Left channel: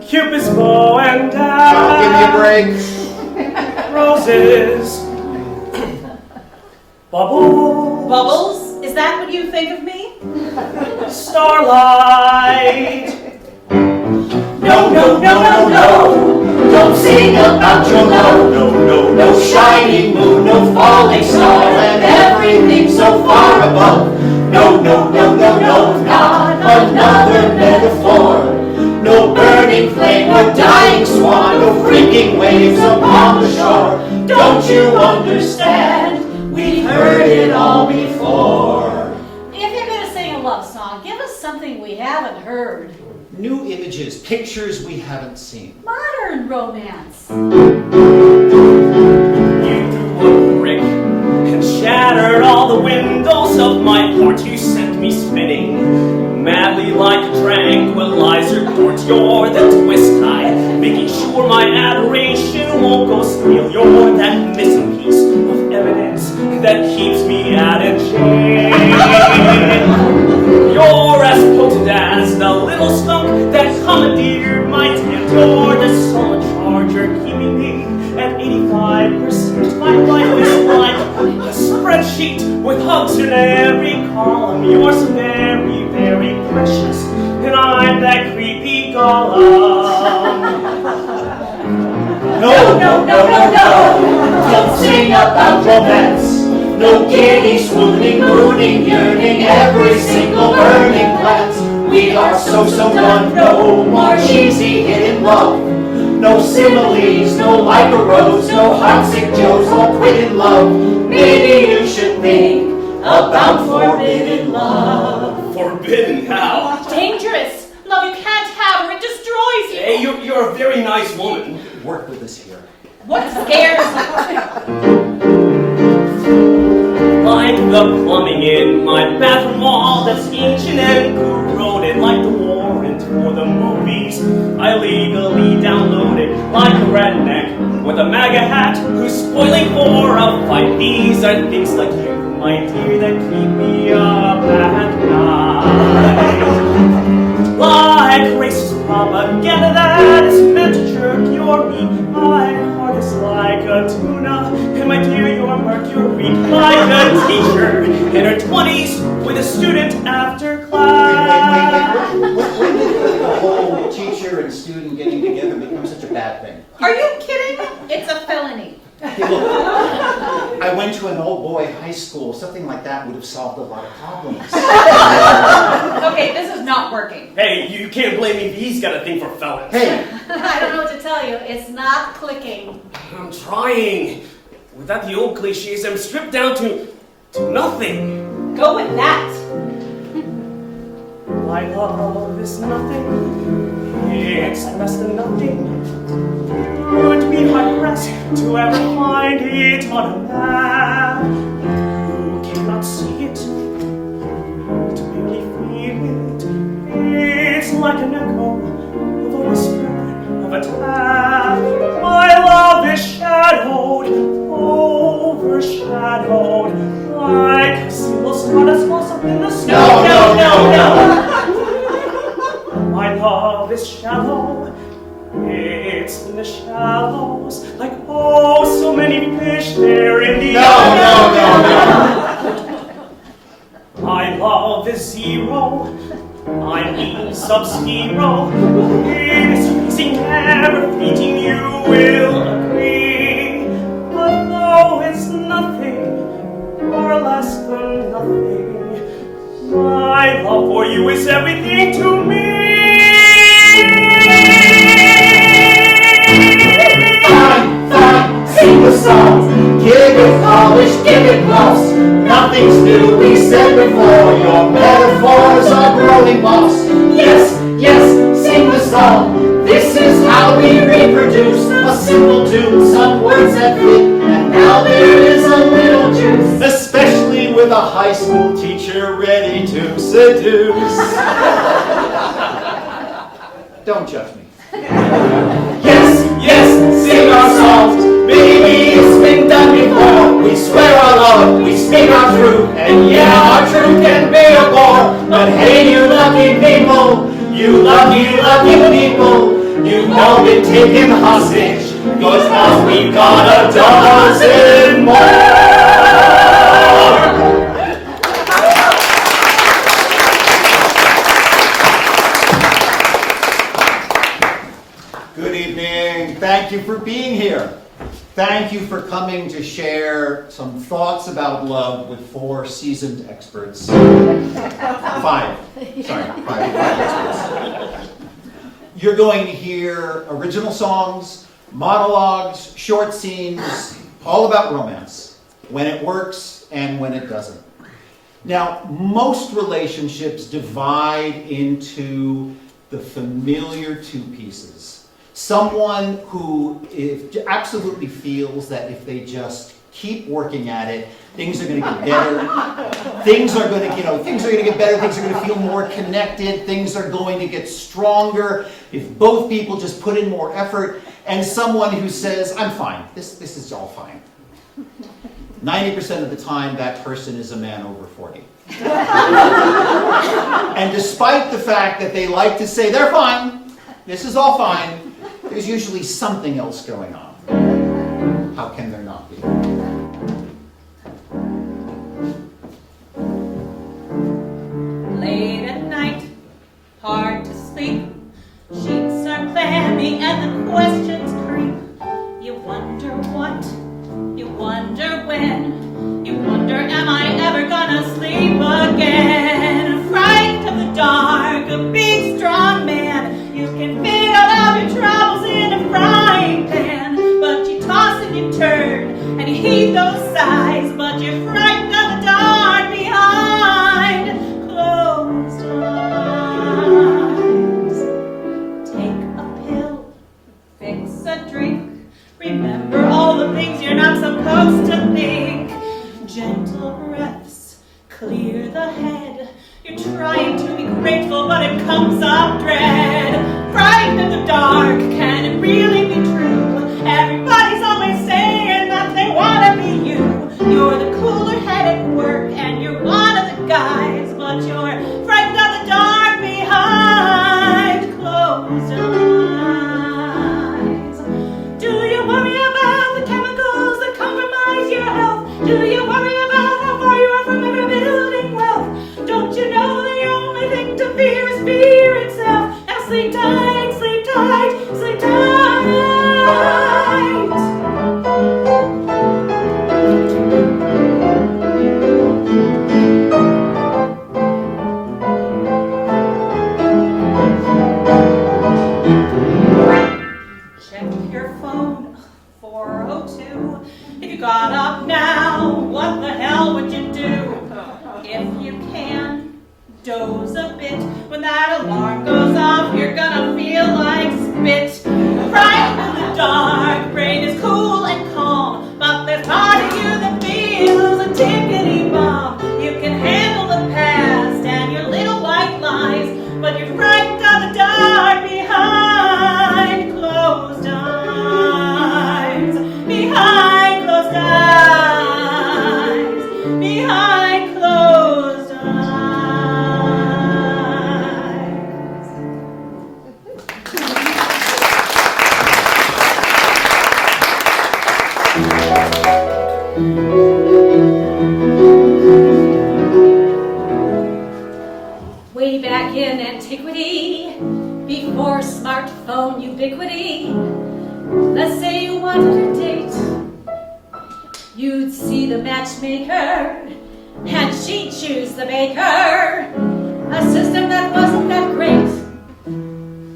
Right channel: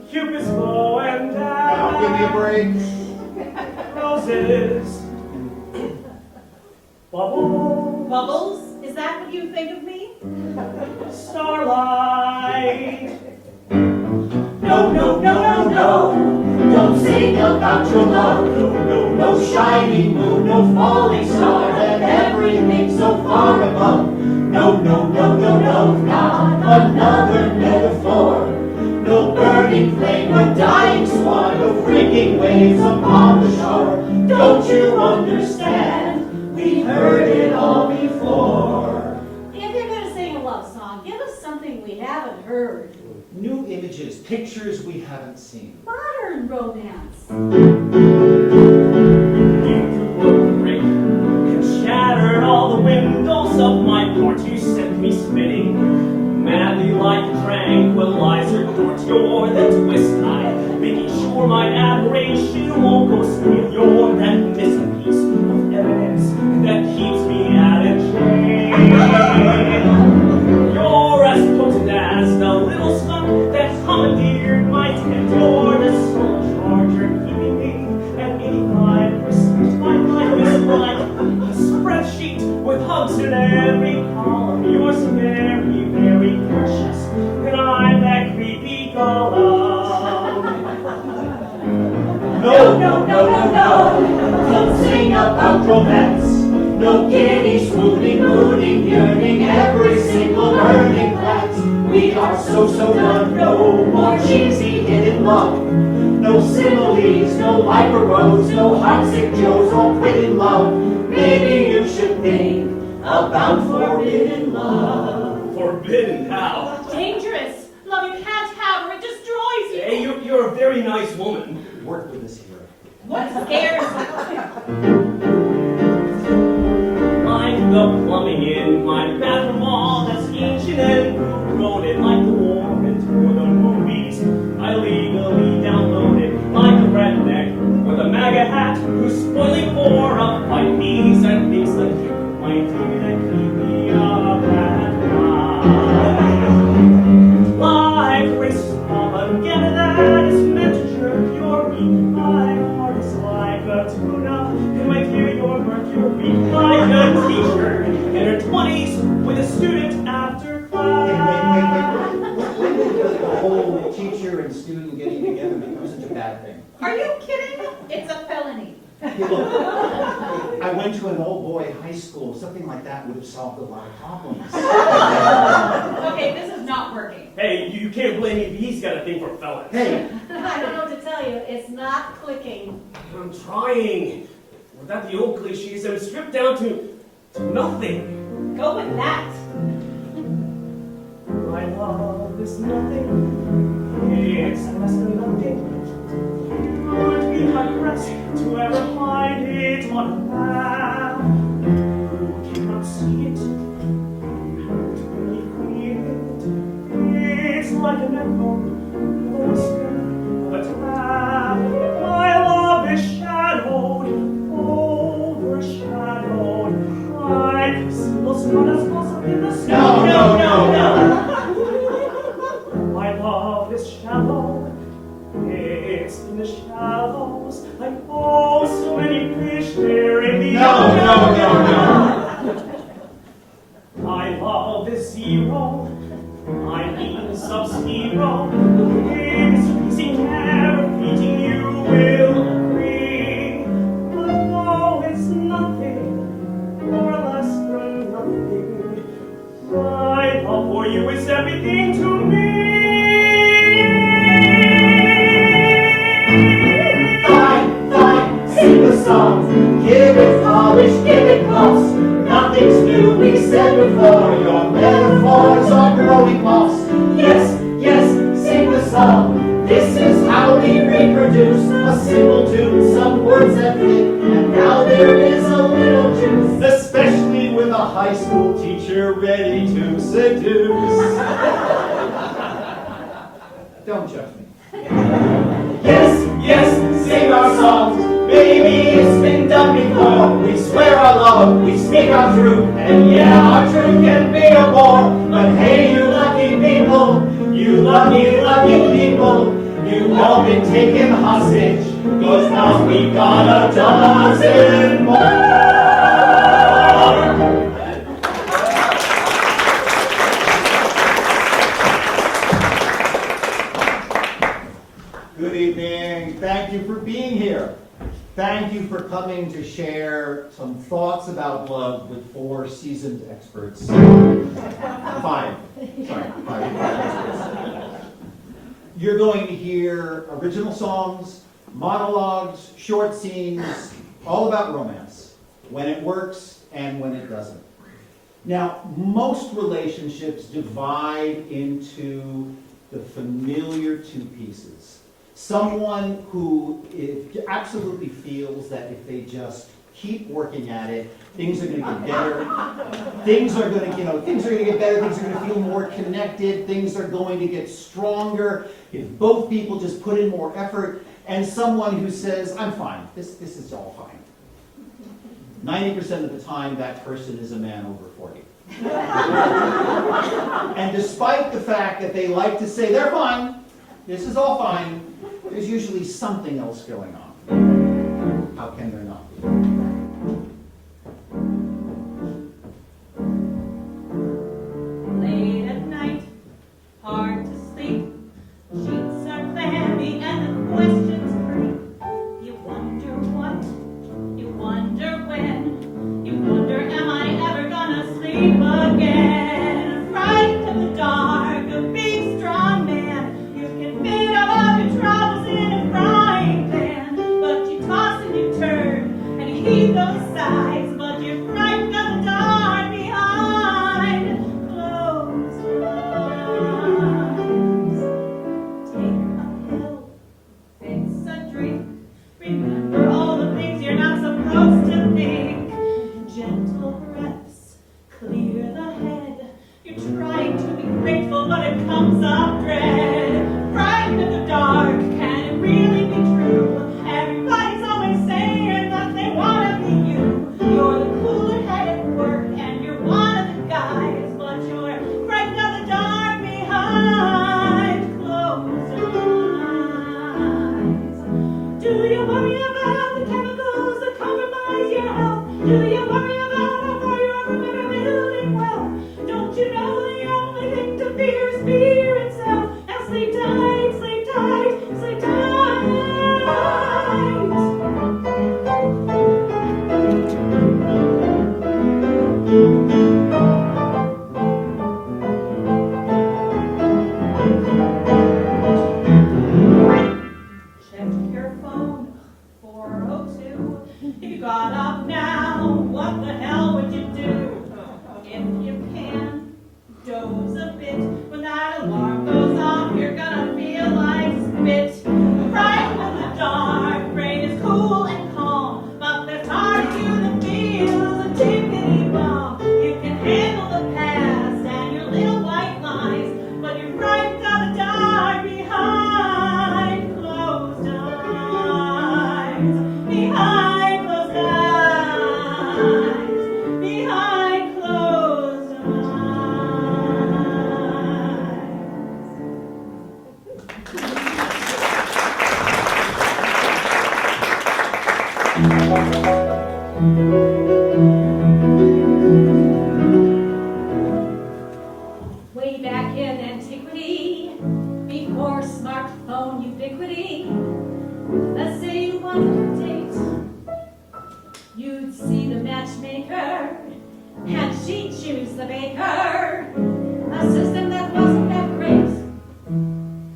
Cupid's bow and Now give me a break. Roses. Bubbles. Bubbles? Is that what you think of me? Starlight. No, no, no, no, no. Don't sing about your love. No, no, no shining moon, no falling star, and everything so far above. No, no, no, no, no, not another metaphor. No burning flame, no dying swan, no freaking waves upon the shore. Don't you understand? We've heard it all before. If you're going to sing a love song, give us something we haven't heard. New images, pictures we haven't seen. Modern romance. You threw a brick and shattered all the windows of my heart. You sent me spinning madly like a tranquilizer towards your that twist tie, making sure my adoration won't go stale. You're that missing piece of evidence that keeps me out of jail. You're as potent as the little skunk that commandeered my tent. You're the solid charger keeping me at 85%. My life is like a spreadsheet with hugs in every column. You're so very, very precious, and I'm that creepy golem. No, no, no, no, no. Don't sing about romance. No giddy, swooning, mooning, yearning, every single burning glance. We are so done. No more cheesy hidden love. No similes, no like a rose, no heartsick Joes, all quit in love. Maybe you should think about forbidden love. Forbidden how? Dangerous. Love you can't have or it destroys you. Hey, you're a very nice woman. Work with us here. What scares you? Like the plumbing in my bathroom wall that's ancient and corroded, like the warrant for the movies I legally downloaded, like a redneck with a MAGA hat who's spoiling for a fight. These are things like you, my dear, that keep me up at night. Like racist propaganda that is meant to jerk your meat. My heart is like a tuna, and my dear, you're mercury. Like a teacher in her 20s with a student after class. When did the whole teacher and student getting together become such a bad thing? Are you kidding? It's a felony. I went to an old boy high school. Something like that would have solved a lot of problems. Okay, this is not working. Hey, you can't blame me if he's got a thing for felons. Hey, I don't know what to tell you. It's not clicking. I'm trying. Without the old cliches, I'm stripped down to nothing. Go with that. My love is nothing. It's less than nothing. You would be hard-pressed to ever find it on a map. You cannot see it. You barely feel it. It's like an echo of a whisper of a tap. My love is shadowed, overshadowed, like a single star that falls up in the sky. No. My love is shallow. It's in the shallows, like oh, so many fish there in the No. My love is zero. I mean sub-zero. It's easy, never fleeting, you will agree. But though it's nothing, or less than nothing, my love for you is everything to me. Fine, sing the songs. Give it polish, give it gloss. Nothing's new, we said before. Your metaphors are growing moss. Yes, sing the song. This is how we reproduce. A simple tune, some words that fit. And now there is a little juice. especially with a high school teacher ready to seduce. Don't judge me. Yes, sing our songs. Maybe it's been done before. We swear our love, we speak our truth. And yeah, our truth can be a bore. But hey, you lucky people, you lucky people. been taken hostage, 'cause now we've got a dozen more. Good evening. Thank you for being here. Thank you for coming to share some thoughts about love with 4 seasoned experts. 5 experts. You're going to hear original songs, monologues, short scenes, all about romance, when it works and when it doesn't. Now, most relationships divide into the familiar 2 pieces. Someone who absolutely feels that if they just keep working at it, things are going to get better. Things are going to get better. Things are going to feel more connected. Things are going to get stronger if both people just put in more effort. And someone who says, "I'm fine. This is all fine." 90% of the time, that person is a man over 40. And despite the fact that they like to say they're fine, this is all fine, there's usually something else going on. How can there not be? Late at night, hard to sleep. Sheets are clammy and the questions creep. You wonder what, you wonder when, you wonder am I ever gonna sleep again? Frightened of the dark, a big strong man. You can fit all of your troubles in a frying pan, but you toss and you turn and you heed those sighs, but you're frightened of the dark behind closed eyes. Take a pill, fix a drink, remember all the things you're not supposed to think. Gentle breaths, clear the head. You're trying to be grateful, but it comes up dread. Frightened of the dark, can it really be true? Everybody's always saying that they want to be you. You're the cooler head at work, and you're one of the guys, but you're frightened of the dark behind closed eyes. Do you worry about the chemicals that compromise your health? Do you worry about how far you are from ever building wealth? Don't you know the only thing to fear is fear itself? Now sleep tight, sleep tight, sleep tight. Check your phone, 4:02. If you got up now, what the hell would you do? If you can, doze a bit. When that alarm goes off, you're gonna feel like spit. Frightened of the dark, brain is cool and calm, but there's part of you that feels a tickety bomb. You can handle the past and your little white lies, but you're frightened of the dark behind closed eyes. Behind closed eyes. Behind closed eyes. Way back in antiquity, before smartphone ubiquity, let's say you wanted a date. You'd see the matchmaker, and she'd choose the baker. A system that wasn't that great.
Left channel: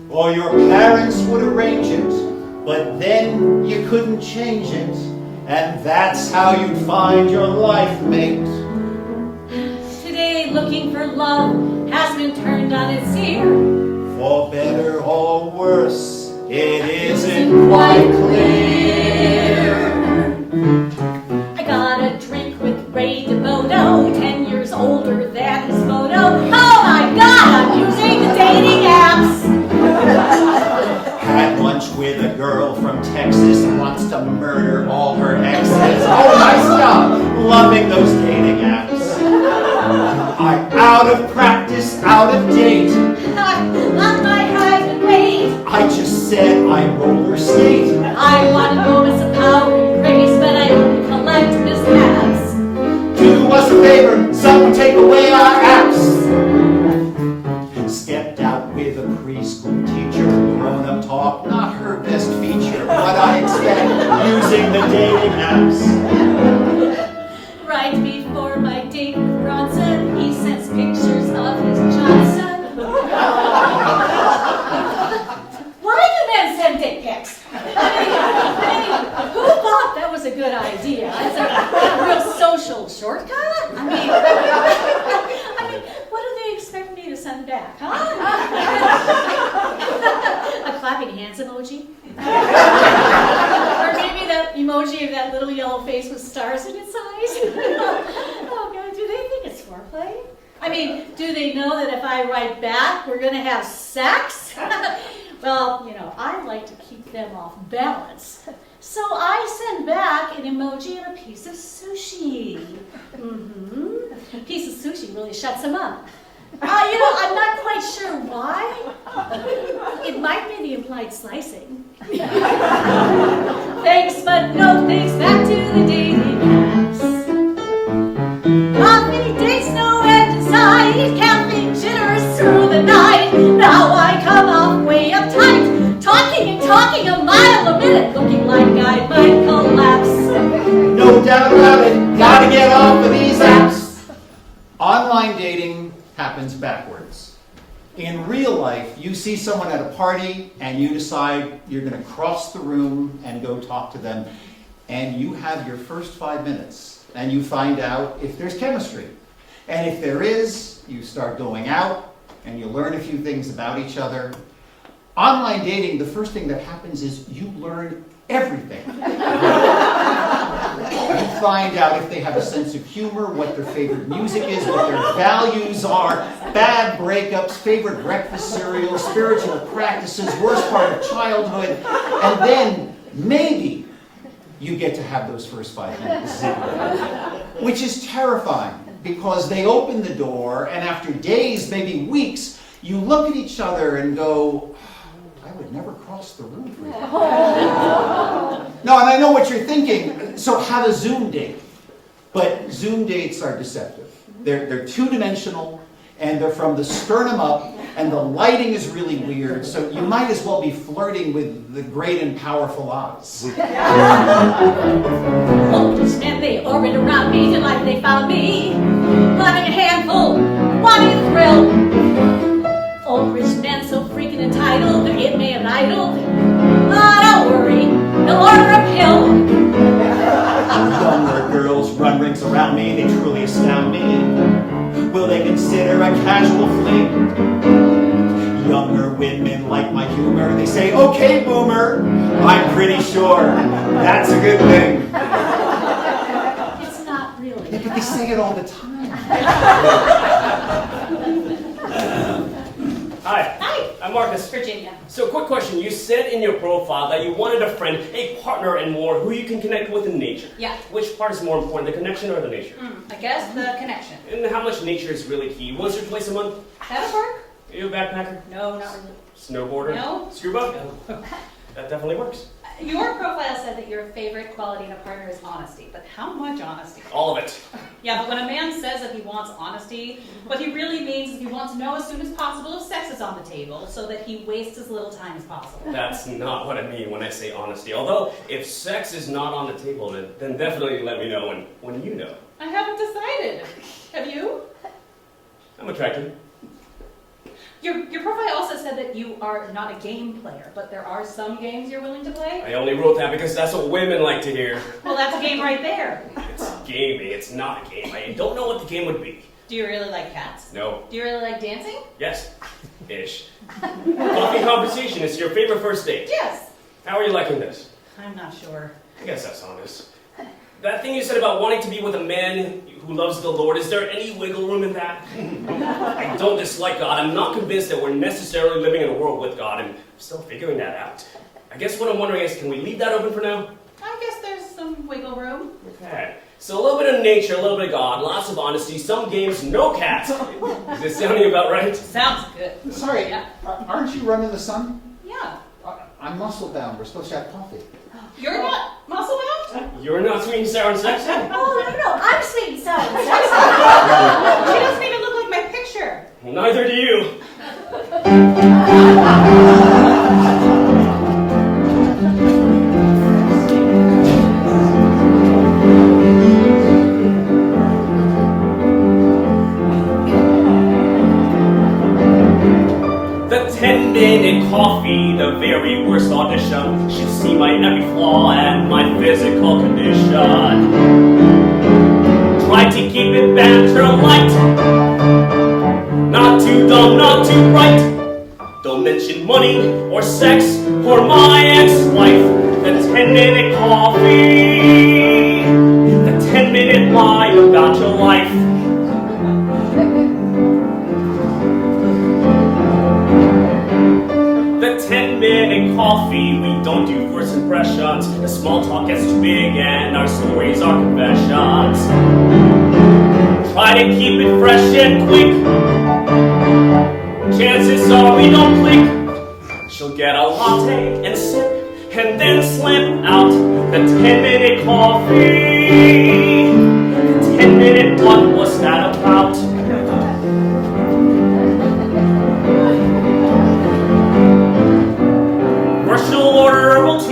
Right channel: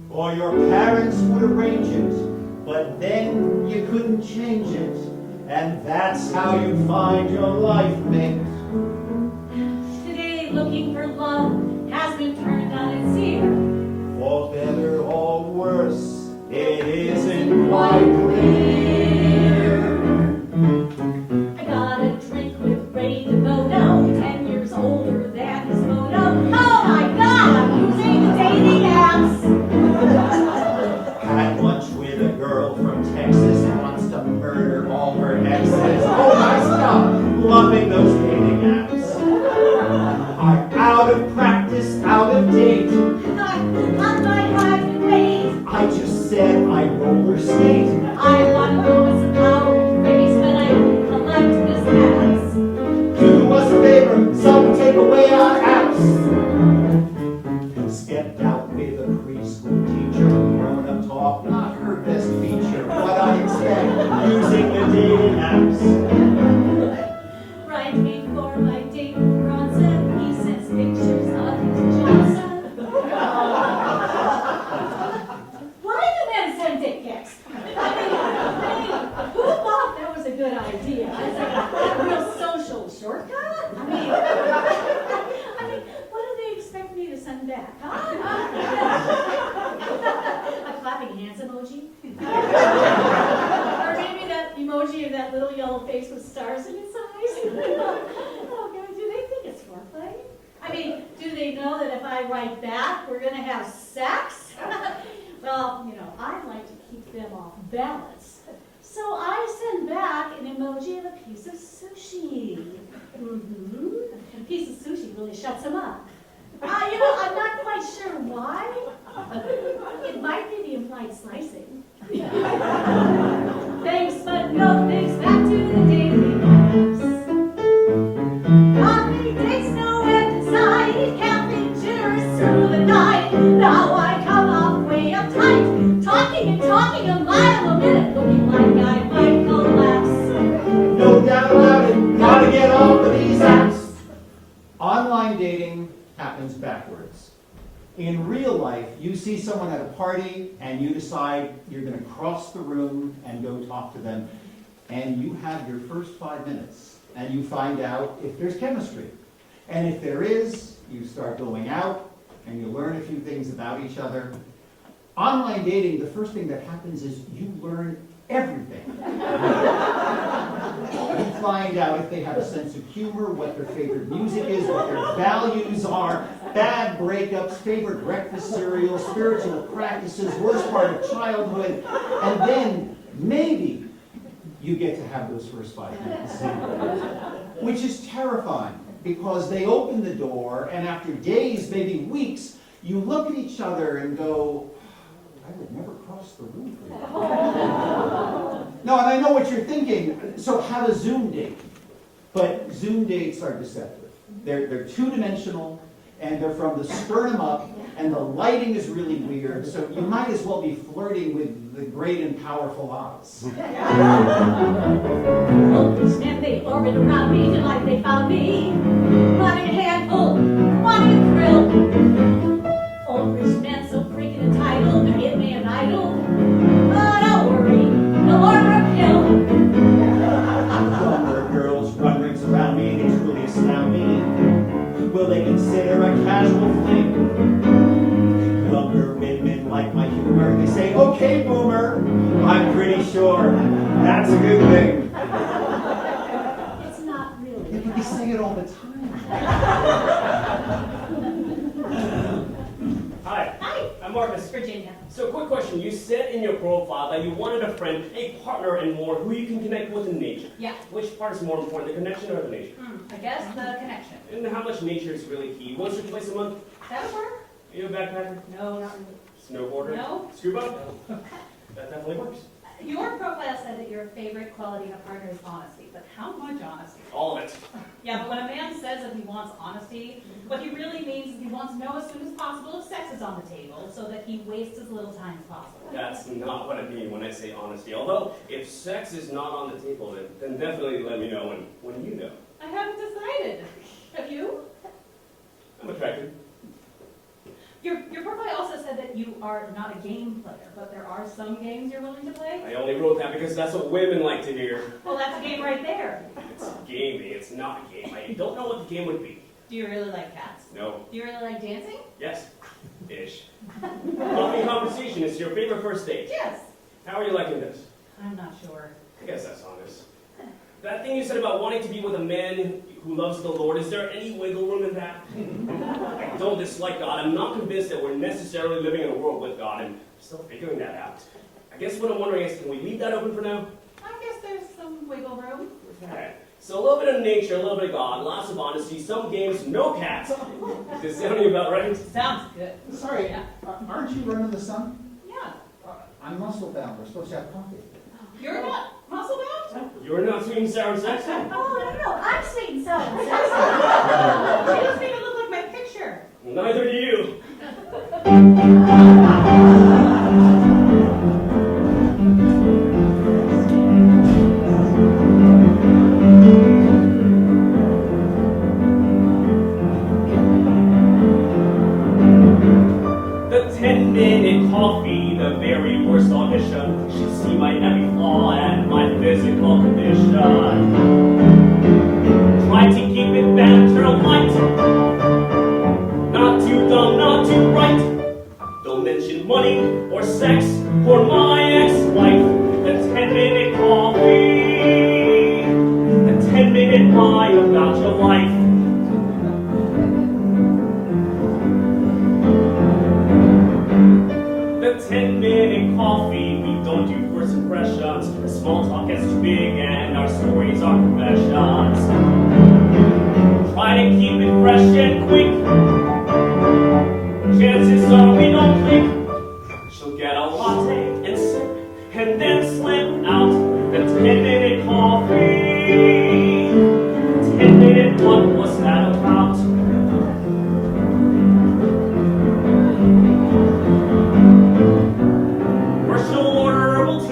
Or your parents would arrange it, but then you couldn't change it, and that's how you'd find your life mate. Today, looking for love has been turned on its ear. For better or worse, it isn't quite clear. I got a drink with Ray DeVoto, 10 years older than his photo. Oh my God, I'm using the dating apps. Had lunch with a girl from Texas who wants to murder all her exes. Oh my God, loving those dating apps. I'm out of practice, out of date. Not my husband, wait. I just said I roller skate. I want moments of power and grace, but I only collect mishaps. Do us a favor, someone take away our apps. Stepped out with a preschool teacher, grown-up talk, not her best feature, but I expect using the dating apps. Right before my date with Bronson, he sends pictures of his Johnson. Why do men send dick pics? I mean, who thought that was a good idea? Is it a real social shortcut? I mean, what do they expect me to send back, huh? A clapping hands emoji? Or maybe that emoji of that little yellow face with stars in its eyes? Oh God, do they think it's foreplay? I mean, do they know that if I write back, we're gonna have sex? Well, you know, I like to keep them off balance. So I send back an emoji of a piece of sushi. Piece of sushi really shuts them up. You know, I'm not quite sure why. It might be the implied slicing. Thanks, but no thanks. Back to the dating apps. Coffee dates, no end in sight. Caffeine jitters through the night. Now I come off way uptight. Talking and talking a mile a minute. Looking like I might collapse. No doubt about it, gotta get off of these apps. Online dating happens backwards. In real life, you see someone at a party and you decide you're going to cross the room and go talk to them, and you have your first 5 minutes and you find out if there's chemistry. And if there is, you start going out and you learn a few things about each other. Online dating, the first thing that happens is you learn everything. You find out if they have a sense of humor, what their favorite music is, what their values are, bad breakups, favorite breakfast cereal, spiritual practices, worst part of childhood, and then maybe you get to have those first 5 minutes. Which is terrifying, because they open the door, and after days, maybe weeks, you look at each other and go, I would never cross the room for you. No, and I know what you're thinking. So have a Zoom date. But Zoom dates are deceptive. They're two-dimensional, and they're from the sternum up, and the lighting is really weird, so you might as well be flirting with the great and powerful Oz. And they orbit around me till like they found me. Wanting a handful, wanting a thrill. Old rich men so freaking entitled, they get me an idol. Don't worry, they'll order a pill. Younger girls run rings around me, they truly astound me. Will they consider a casual fling? Younger women like my humor, they say, okay, boomer, I'm pretty sure that's a good thing. It's not really. Yeah, but they say it all the time. Hi. Hi. I'm Marcus. Virginia. So, quick question. You said in your profile that you wanted a friend, a partner, and more who you can connect with in nature. Yeah. Which part is more important, the connection or the nature? I guess the connection. And how much nature is really key? Once or twice a month? That'll work. Are you a backpacker? No, not really. Snowboarder? No. Scuba? No. That definitely works. Your profile said that your favorite quality in a partner is honesty, but how much honesty? All of it. Yeah, but when a man says that he wants honesty, what he really means is he wants to know as soon as possible if sex is on the table, so that he wastes as little time as possible. That's not what I mean when I say honesty. Although, if sex is not on the table, then definitely let me know when you know. I haven't decided. Have you? I'm attracted. Your profile also said that you are not a game player, but there are some games you're willing to play. I only wrote that because that's what women like to hear. Well, that's a game right there. It's gaming. It's not a game. I don't know what the game would be. Do you really like cats? No. Do you really like dancing? Yes. Ish. Coffee conversation is your favorite first date. Yes. How are you liking this? I'm not sure. I guess that's honest. That thing you said about wanting to be with a man who loves the Lord, is there any wiggle room in that? I don't dislike God. I'm not convinced that we're necessarily living in a world with God, and I'm still figuring that out. I guess what I'm wondering is, can we leave that open for now? I guess there's some wiggle room. Okay. So a little bit of nature, a little bit of God, lots of honesty, some games, no cats. Is this sounding about right? Sounds good. Sorry, Yeah. aren't you running the sun? Yeah. I'm muscle bound. We're supposed to have coffee. You're not muscle bound? You're not sweet and sour and sexy? Oh, no, I'm sweet and sour and sexy. She doesn't even look like my picture. Well, neither do you. The 10-minute coffee, the very worst audition. Should see my every flaw and my physical condition. Try to keep it banter light. Not too dumb, not too bright. Don't mention money or sex for my ex-wife. The 10-minute coffee. The 10-minute lie about your life. The 10-minute coffee, we don't do first impressions. The small talk gets too big and our stories are confessions. Try to keep it fresh and quick. Chances are we don't click. She'll get a latte and sip and then slam out. The 10-minute coffee. The 10-minute what was that about?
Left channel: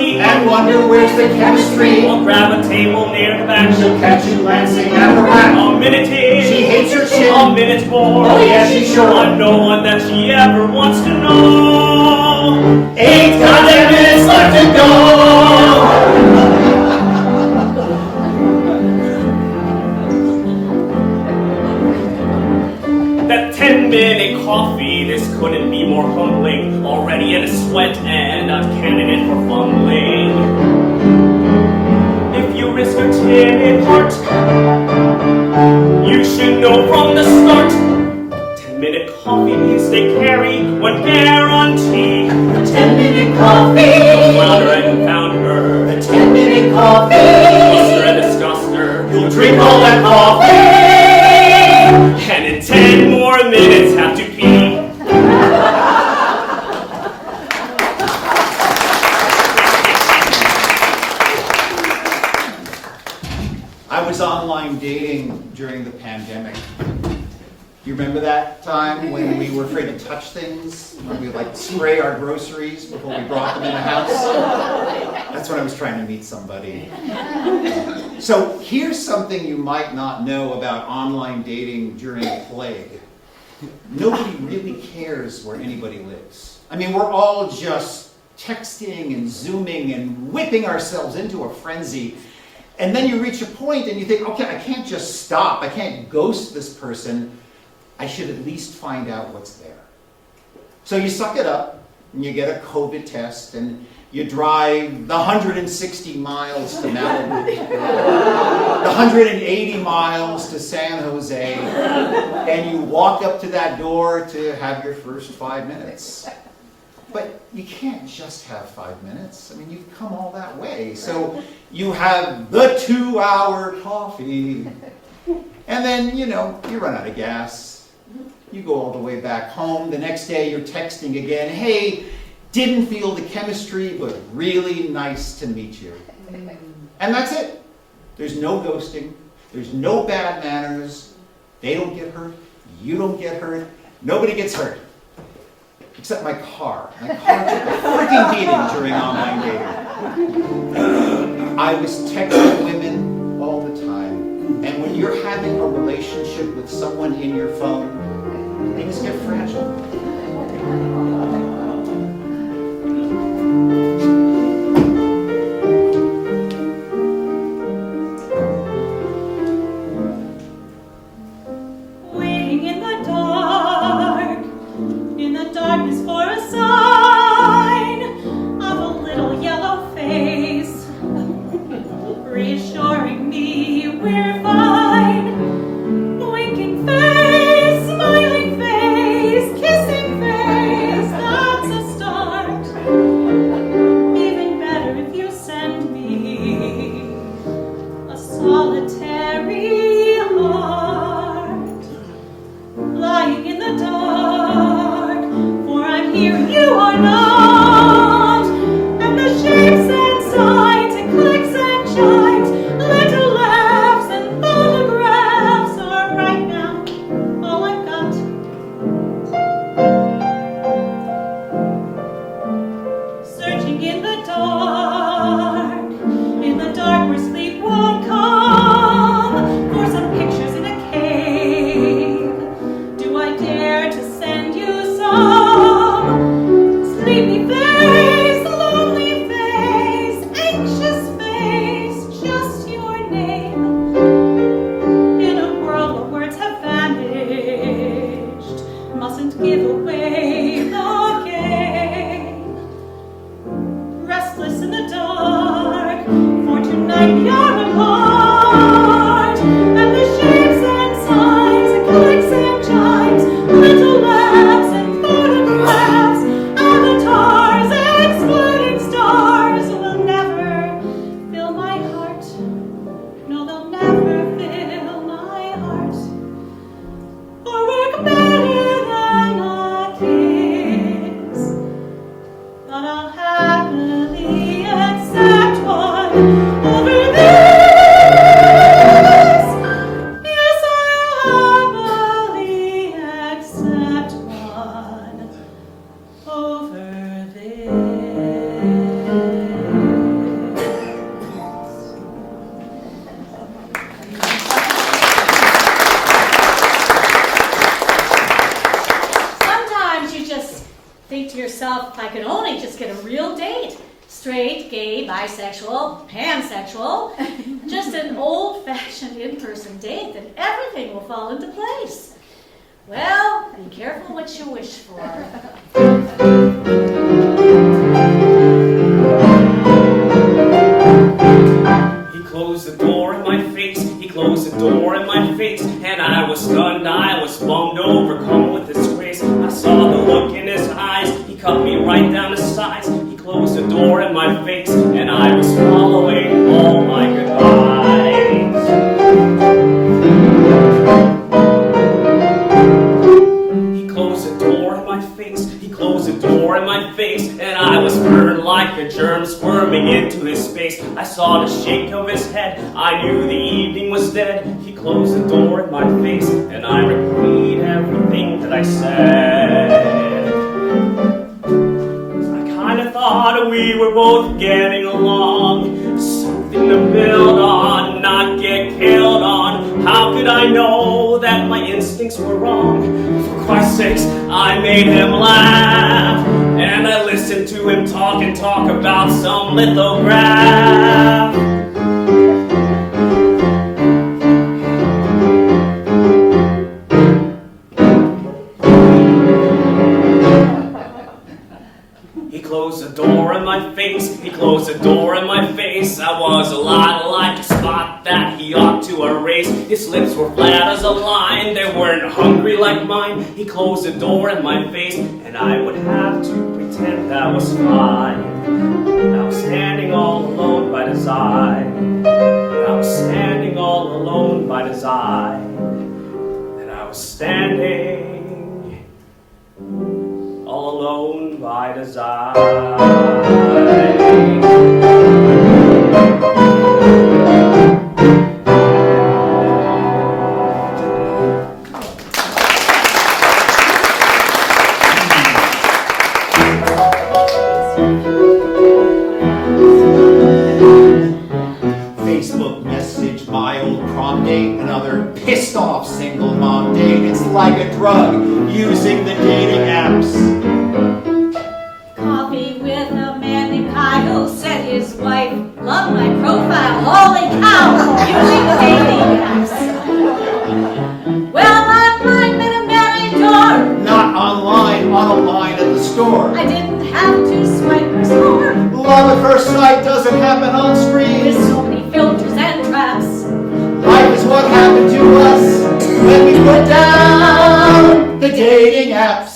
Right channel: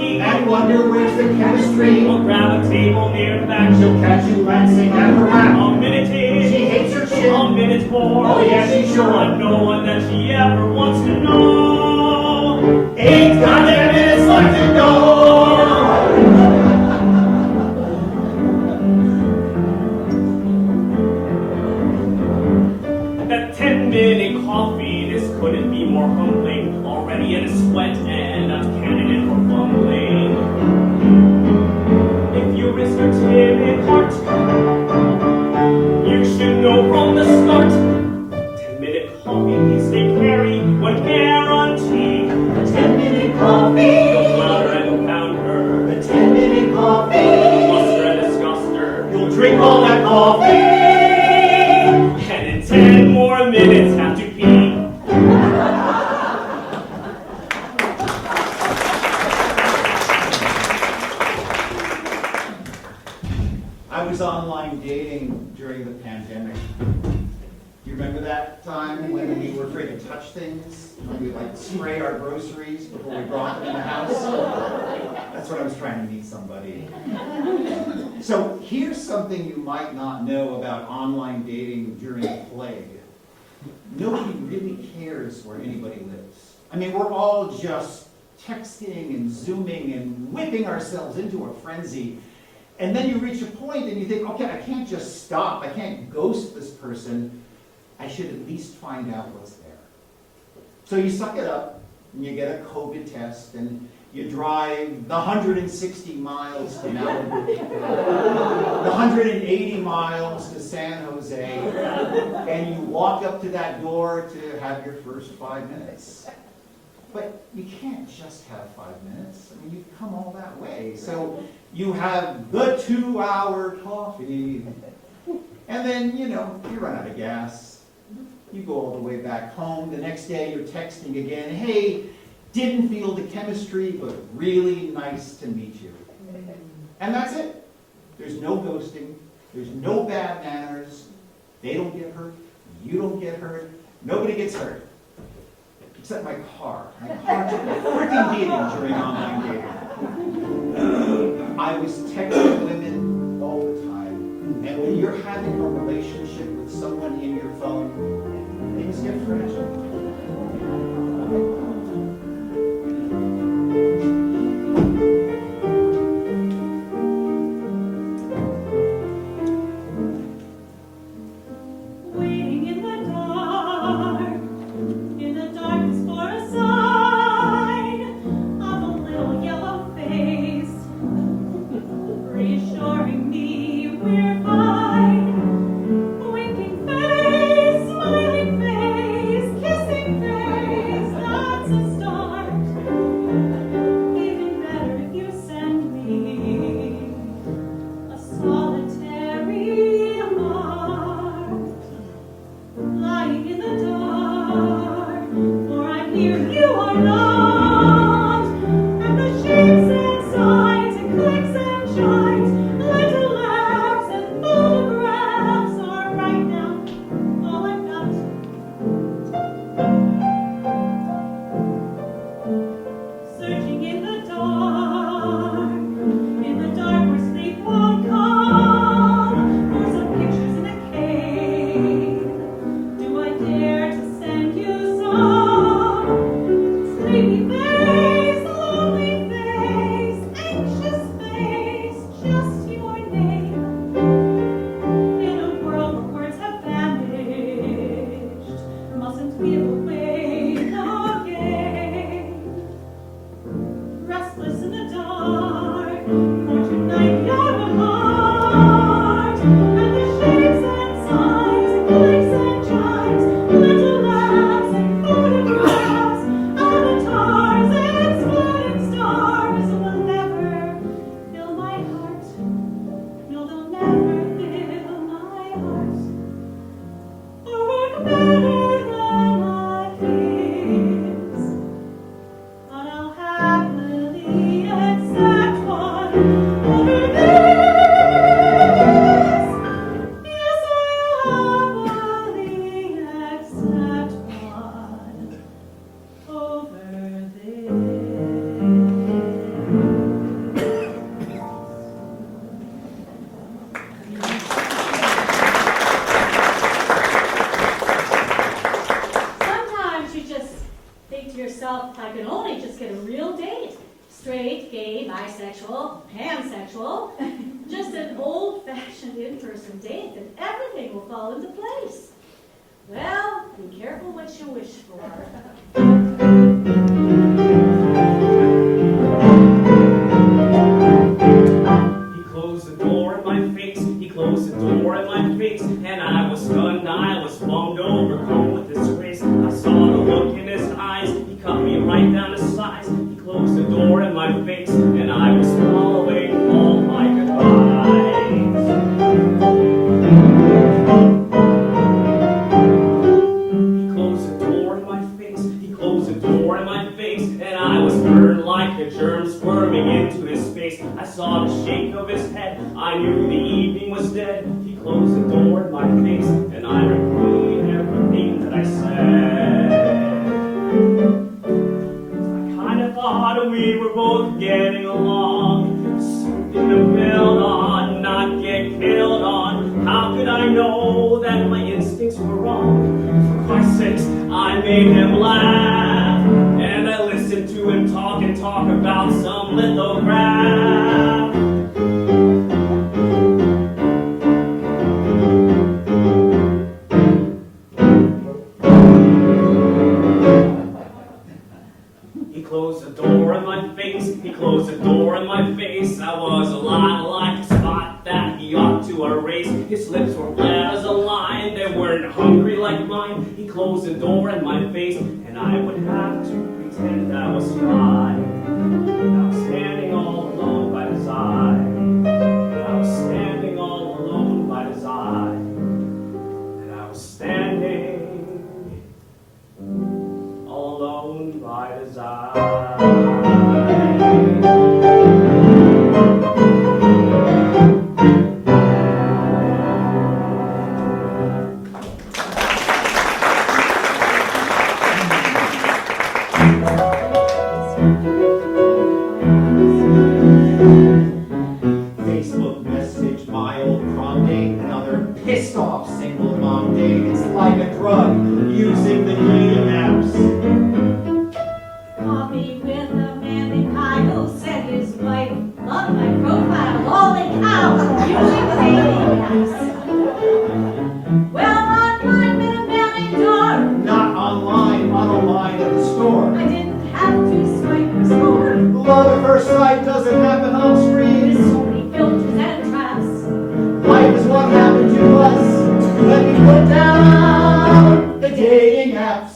And wonder where's the chemistry. We'll grab a table near the back. She'll catch you glancing at the rack. A minute in. She hates your chin. A minute more. Oh yeah, she's sure. I'm no one that she ever wants to know. 8 goddamn minutes left to go. That 10-minute coffee, this couldn't be more humbling. Already in a sweat and a candidate for fumbling. If you risk your timid heart, you should know from the start. 10-minute coffee means they carry one guarantee. 10-minute coffee. You'll flounder and confound her. The 10-minute coffee. Cluster and disgust her. You'll drink all that coffee. And in 10 more minutes have to pee. I was online dating during the pandemic. You remember that time when we were afraid to touch things? When we like spray our groceries before we brought them in the house? That's when I was trying to meet somebody. So here's something you might not know about online dating during plague. Nobody really cares where anybody lives. I mean, we're all just texting and Zooming and whipping ourselves into a frenzy. And then you reach a point and you think, okay, I can't just stop. I can't ghost this person. I should at least find out what's there. So you suck it up and you get a COVID test and you drive the 160 miles to Malibu, the 180 miles to San Jose, and you walk up to that door to have your first 5 minutes. But you can't just have 5 minutes. I mean, you've come all that way. So you have the 2-hour coffee. And then, you run out of gas. You go all the way back home. The next day you're texting again. Hey, didn't feel the chemistry, but really nice to meet you. And that's it. There's no ghosting. There's no bad manners. They don't get hurt. You don't get hurt. Nobody gets hurt. Except my car. My car took a freaking beating during online dating. I was texting women all the time. And when you're having a relationship with someone in your phone, things get fragile. Waiting in the darkness for a sign of a little yellow face, reassuring me we're fine. Winking face, smiling face, kissing face, that's a start. Even better if you send me a solitary heart. Lying in the dark, for I'm here, you are not, like you're apart. And the shapes and signs and clicks and chimes, little laughs and photographs, avatars, exploding stars will never fill my heart. No, they'll never fill my heart. Or work better than a kiss. But I'll happily accept one over this. Yes, I'll happily accept one over this. Sometimes you just think to yourself, if I could only just get a real date. Straight, gay, bisexual, pansexual. Just an old-fashioned in-person date, then everything will fall into place. Well, be careful what you wish for. He closed the door in my face, he closed the door in my face, and I was stunned, I was bummed, overcome with disgrace. I saw the look in his eyes, he cut me right down the sides. He closed the door in my face, and I was swallowing all my goodbyes. He closed the door in my face, he closed the door in my face, and I was burned like a germ squirming into his space. I saw the shake of his head, I knew the evening was dead. He closed the door in my face, and I repeat everything that I said. I kinda thought we were both getting along, something to build on, not get killed on. How could I know that my instincts were wrong? For Christ's sakes, I made him laugh, and I listened to him talk and talk about some lithograph. He closed the door in my face, he closed the door in my face. I was a lot like a spot that he ought to erase. His lips were flat as a line, they weren't hungry like mine. He closed the door in my face, and I would have to pretend that was fine. I was standing all alone by his side. I was standing all alone by his side. And I was standing all alone by design. Facebook message, my old prom date, another pissed off single mom date. It's like a drug using the dating apps. Coffee with a man named Kyle, said his wife loved my profile. Holy cow, using the dating apps. Well, online met a man I adore. Not online, on a line at the store. I didn't have to swipe or score. Love at first sight doesn't happen on With screen. so many filters and traps. Life is what happened to us when we put down the dating apps.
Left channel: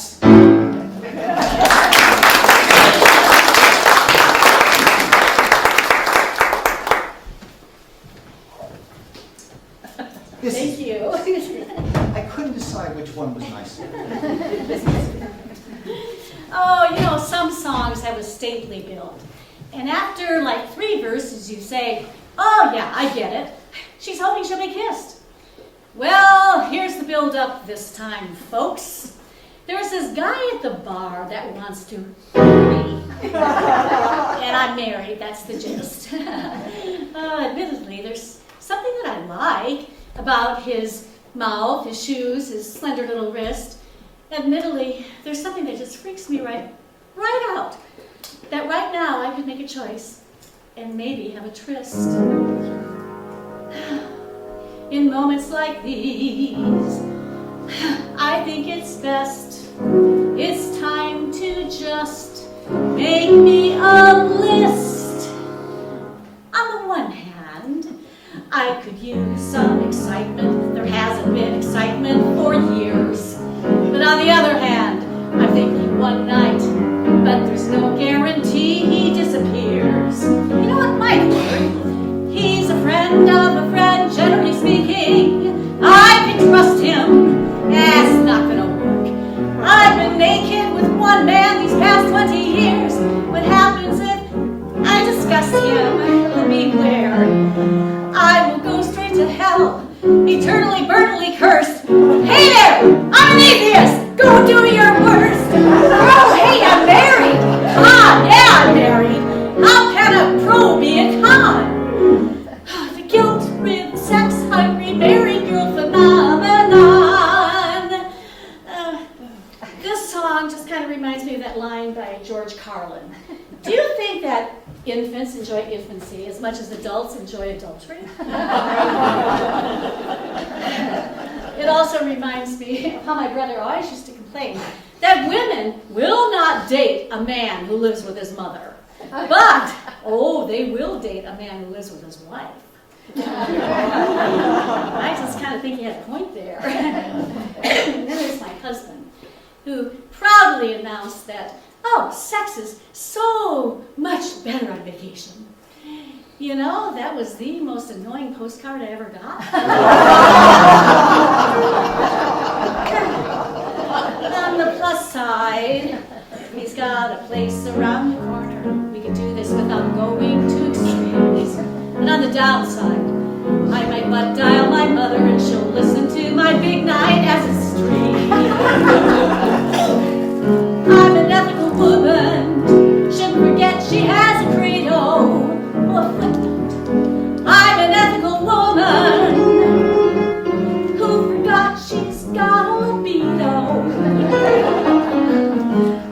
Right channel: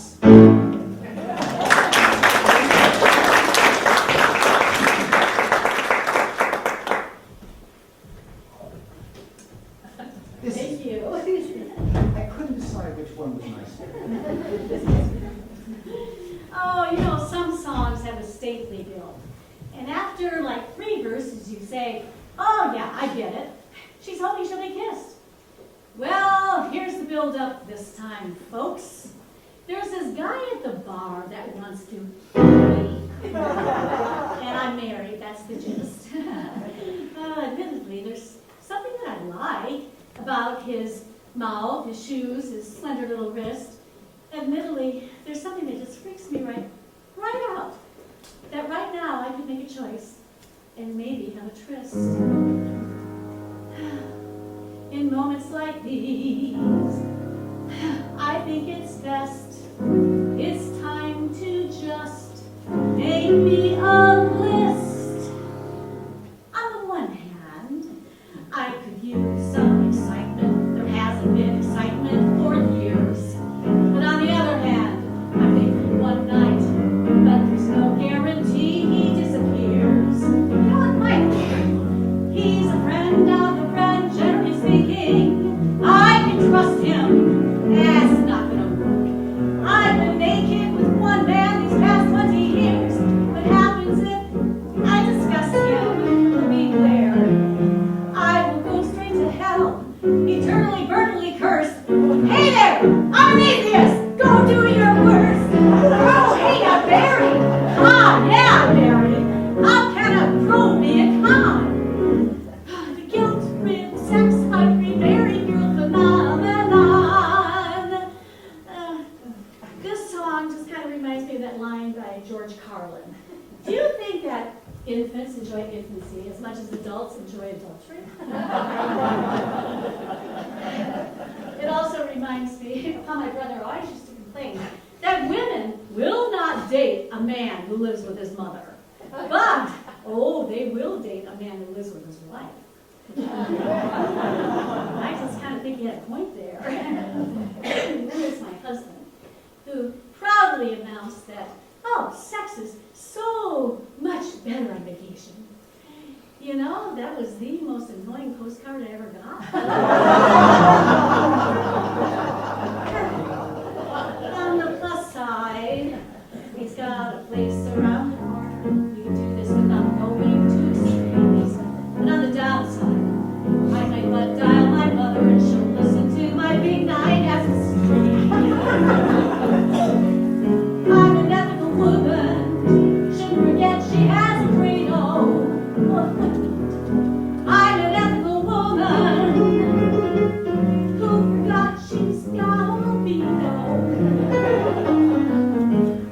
Thank you. I couldn't decide which one was nicer. Oh, you know, some songs have a stately build. And after like 3 verses, you say, oh yeah, I get it. She's hoping she'll be kissed. Well, here's the build-up this time, folks. There's this guy at the bar that wants to me. And I'm married, that's the gist. Admittedly, there's something that I like about his mouth, his shoes, his slender little wrist. Admittedly, there's something that just freaks me right out. That right now I could make a choice and maybe have a tryst. In moments like these, I think it's best. It's time to just make me a list. On the one hand, hell, eternally, burntly cursed. Hey there, I'm an atheist. Go do your worst. Oh, hey, I'm married. Con, yeah, I'm married. How can a pro be a con? The guilt-rid, sex-hungry, married girl phenomenon. This song just kind of reminds me of that line by George Carlin. Do you think that infants enjoy infancy as much as adults enjoy adultery? It also reminds me of how my brother always used to complain that women will not date a man who lives with his mother. But, oh, they will date a man who lives with his wife. I just kind of think he had a point there. Then there's my husband, who proudly announced that, oh, sex is so much better on vacation. You know, that was the most annoying postcard I ever got. On the plus side, he's got a place around the corner. We can do this without going to extremes. And on the downside, I might butt dial my mother and she'll listen to my big night as a stream. I'm an ethical woman. Shouldn't forget she has a credo. Oh, a footnote. I'm an ethical woman who forgot she's got a libido.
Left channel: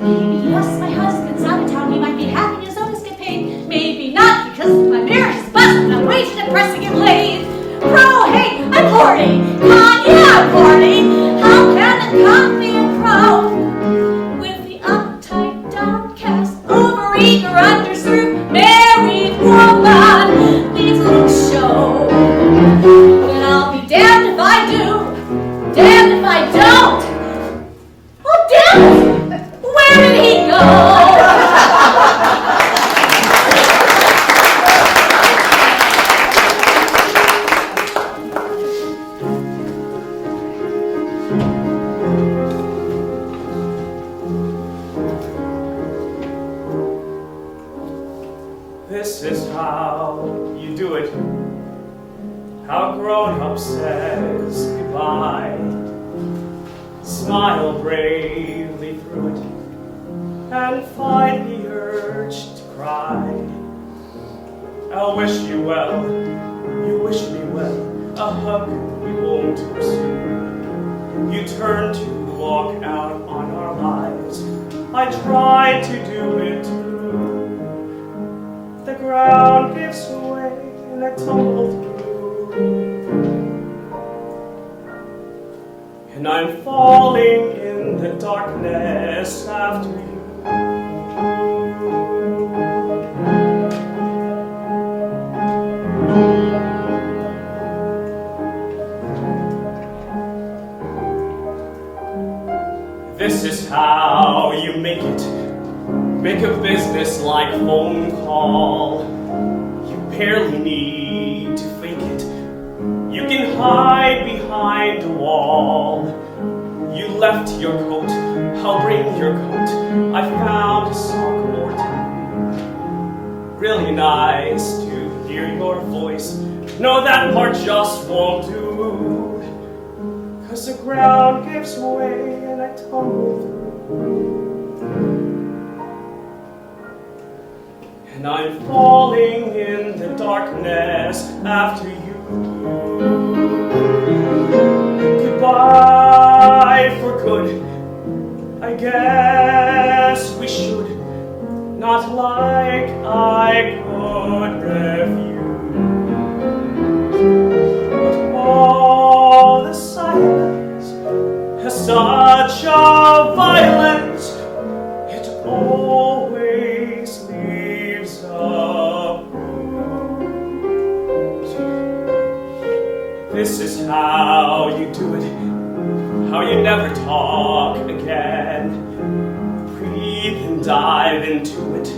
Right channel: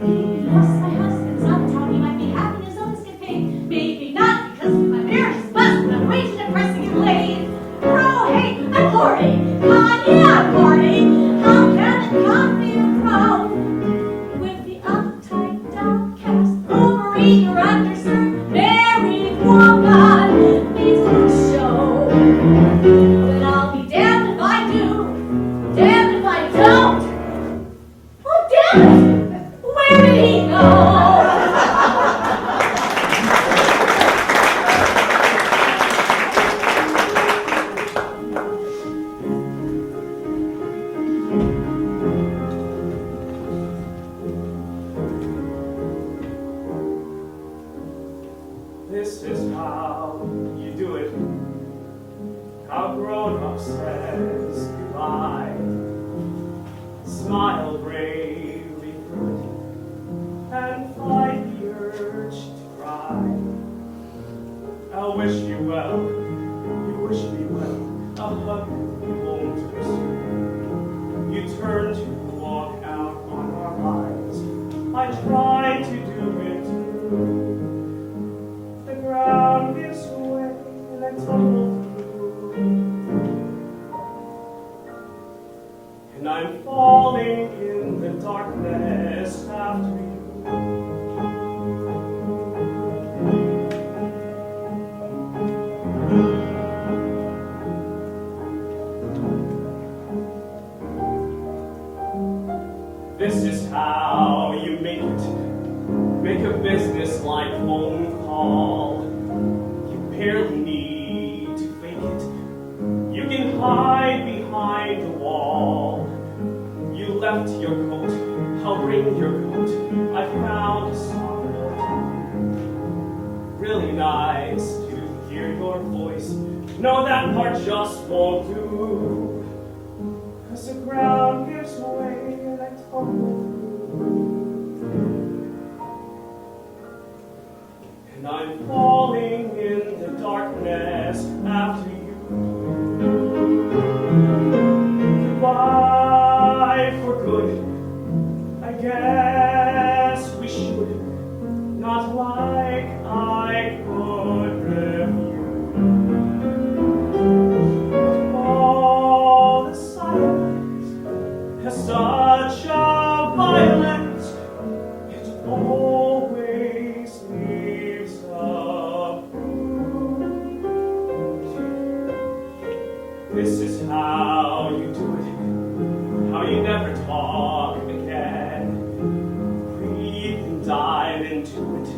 Maybe yes, my husband's out of town. He might be having his own escapade. Maybe not, because my marriage is busted. I'm waiting and pressing him late. Pro, hey, I'm horny. Con, yeah, I'm horny. How can a con be a pro? With the uptight, downcast, overeager, underserved, married woman needs a little show. Well, I'll be damned if I do, damned if I don't. Oh, damn it! Where did he go? This is how you do it. How grown-up says goodbye. Smile bravely through it and fight the urge to cry. I'll wish you well, you wish me well, a hug you won't pursue. You turn to walk out on our lives. I tried to do it too. The ground gives way and I tumble through. And I'm falling in the darkness after you. This is how you make it. Make a business-like phone call. You barely need to fake it. You can hide behind a wall. You left your coat, I'll bring your coat. I found a sock or two. Really nice to hear your voice. No, that part just won't do. 'Cause the ground gives way and I tumble through. And I'm falling in the darkness after you. Goodbye for good. I guess we should. Not like I could refuse. But all the silence has such a violence. It always leaves a bruise. This is how you do it, how you never talk again. Breathe and dive into it.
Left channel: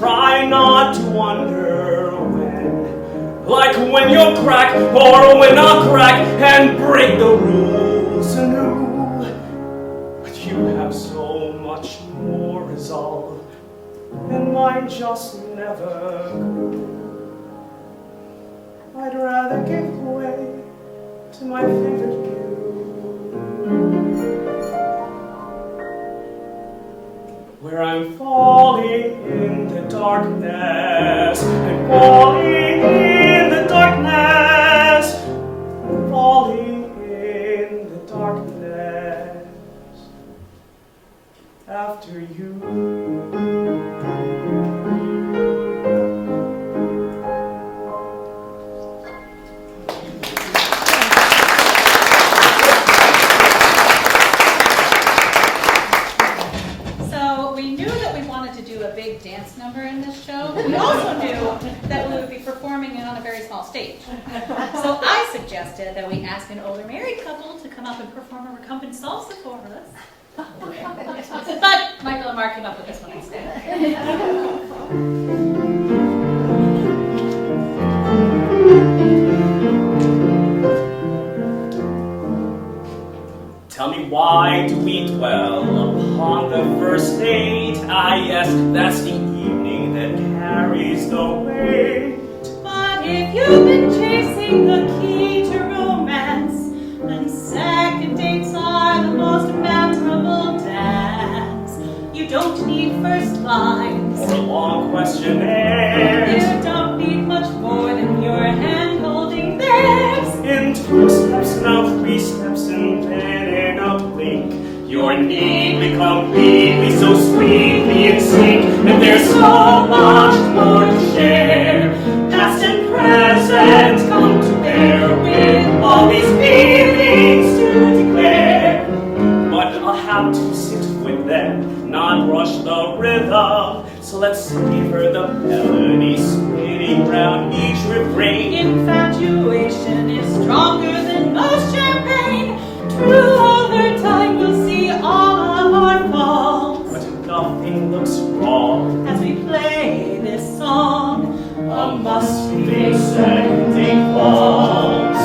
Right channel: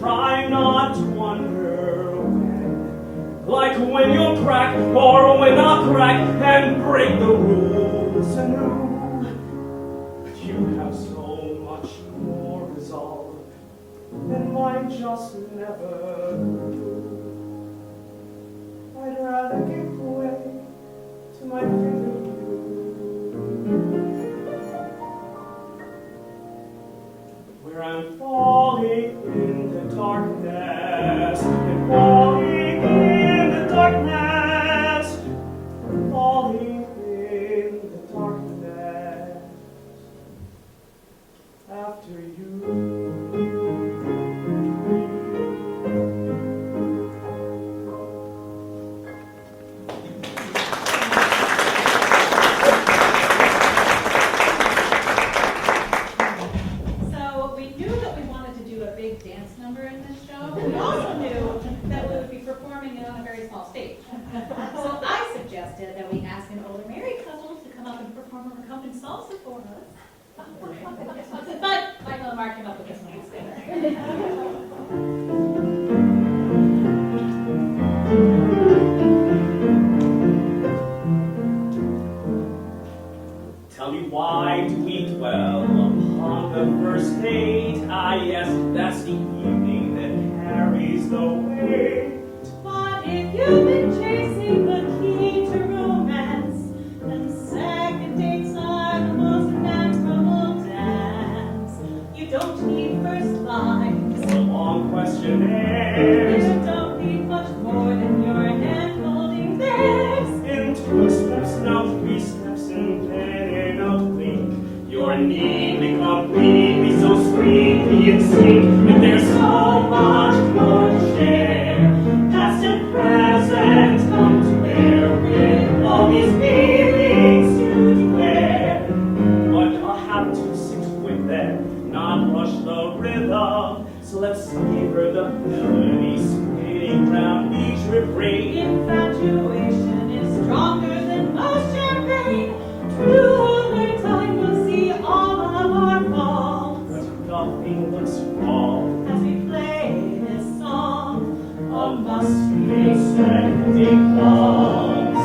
Try not to wonder when. Like when you'll crack, or when I'll crack and break the rules anew. But you have so much more resolve, and mine just never grew. I'd rather give way to my favorite view. Where I'm falling in the darkness, I'm falling in the darkness, I'm falling in the darkness after you. Dance number in this show. We also knew that we would be performing it on a very small stage. So I suggested that we ask an older married couple to come up and perform a recompense salsa for us. But Michael and Mark came up with this one instead. Tell me, why do we dwell upon the first date? Ah, yes, that's the evening that carries the weight. But if you've been chasing the key to romance, then second dates are the most memorable dance. You don't need first lines Or a long questionnaire. You don't need much more than your hand holding theirs. In 2 steps, now 3 steps, and then in a blink, you're neatly, completely, so sweetly in sync, and there's so much more to share. Past and present come to bear with all these feelings to declare. But I'll have to sit with them, not rush the rhythm. So let's savor the melody spinning round each refrain. Infatuation is stronger than most champagne. True, over time we'll see all of our faults. But nothing looks wrong As we play this song, a musty ascending waltz.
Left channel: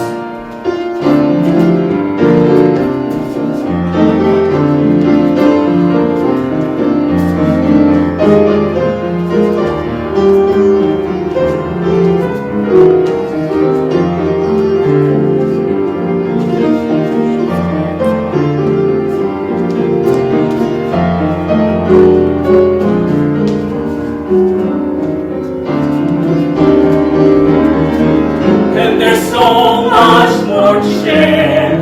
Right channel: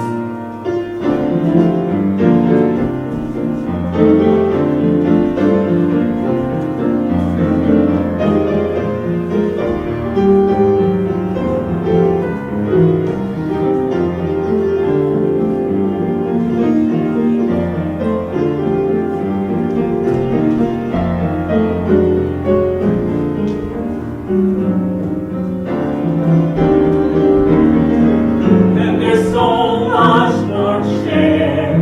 And there's so much more to share.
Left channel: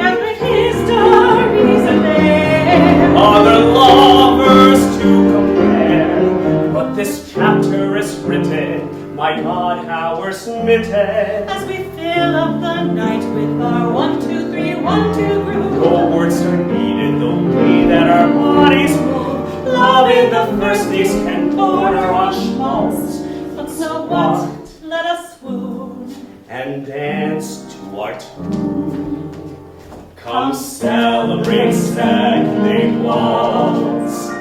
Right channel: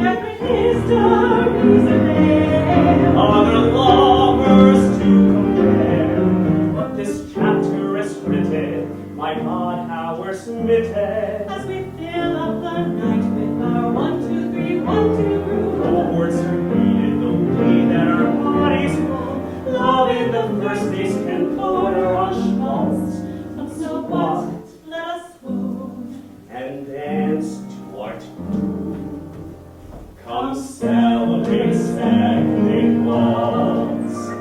epic histories are there. Other lovers to compare. But this chapter is written, my God, how we're smitten. As we fill up the night with our 1, 2, 3, 1, 2 groove. No words are needed, the way that our bodies move. Love in the first days can border on schmaltz. But so what? Let us swoon. And dance to our tune. Come celebrate second waltz.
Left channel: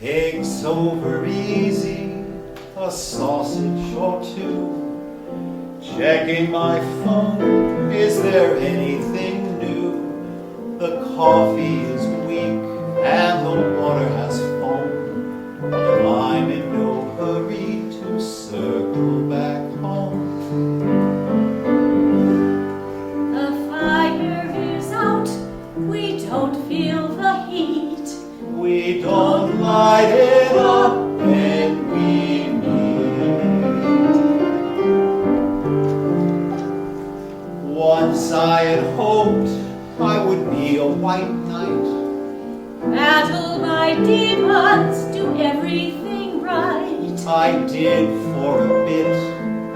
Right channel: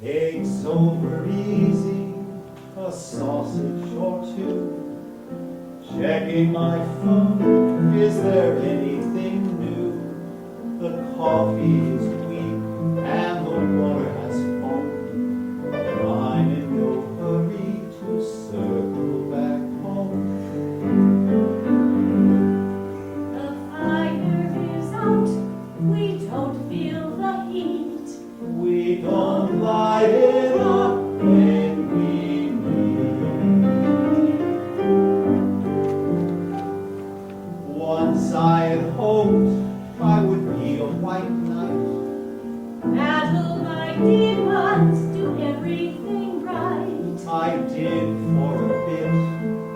Eggs over easy, a sausage or two. Checking my phone, is there anything new? The coffee is weak and the water has foam, but I'm in no hurry to circle back home. The fire is out, we don't feel the heat. We don't light it up when we meet. Once I had hoped I would be a white knight. Battle my demons, do everything right. I did for a bit,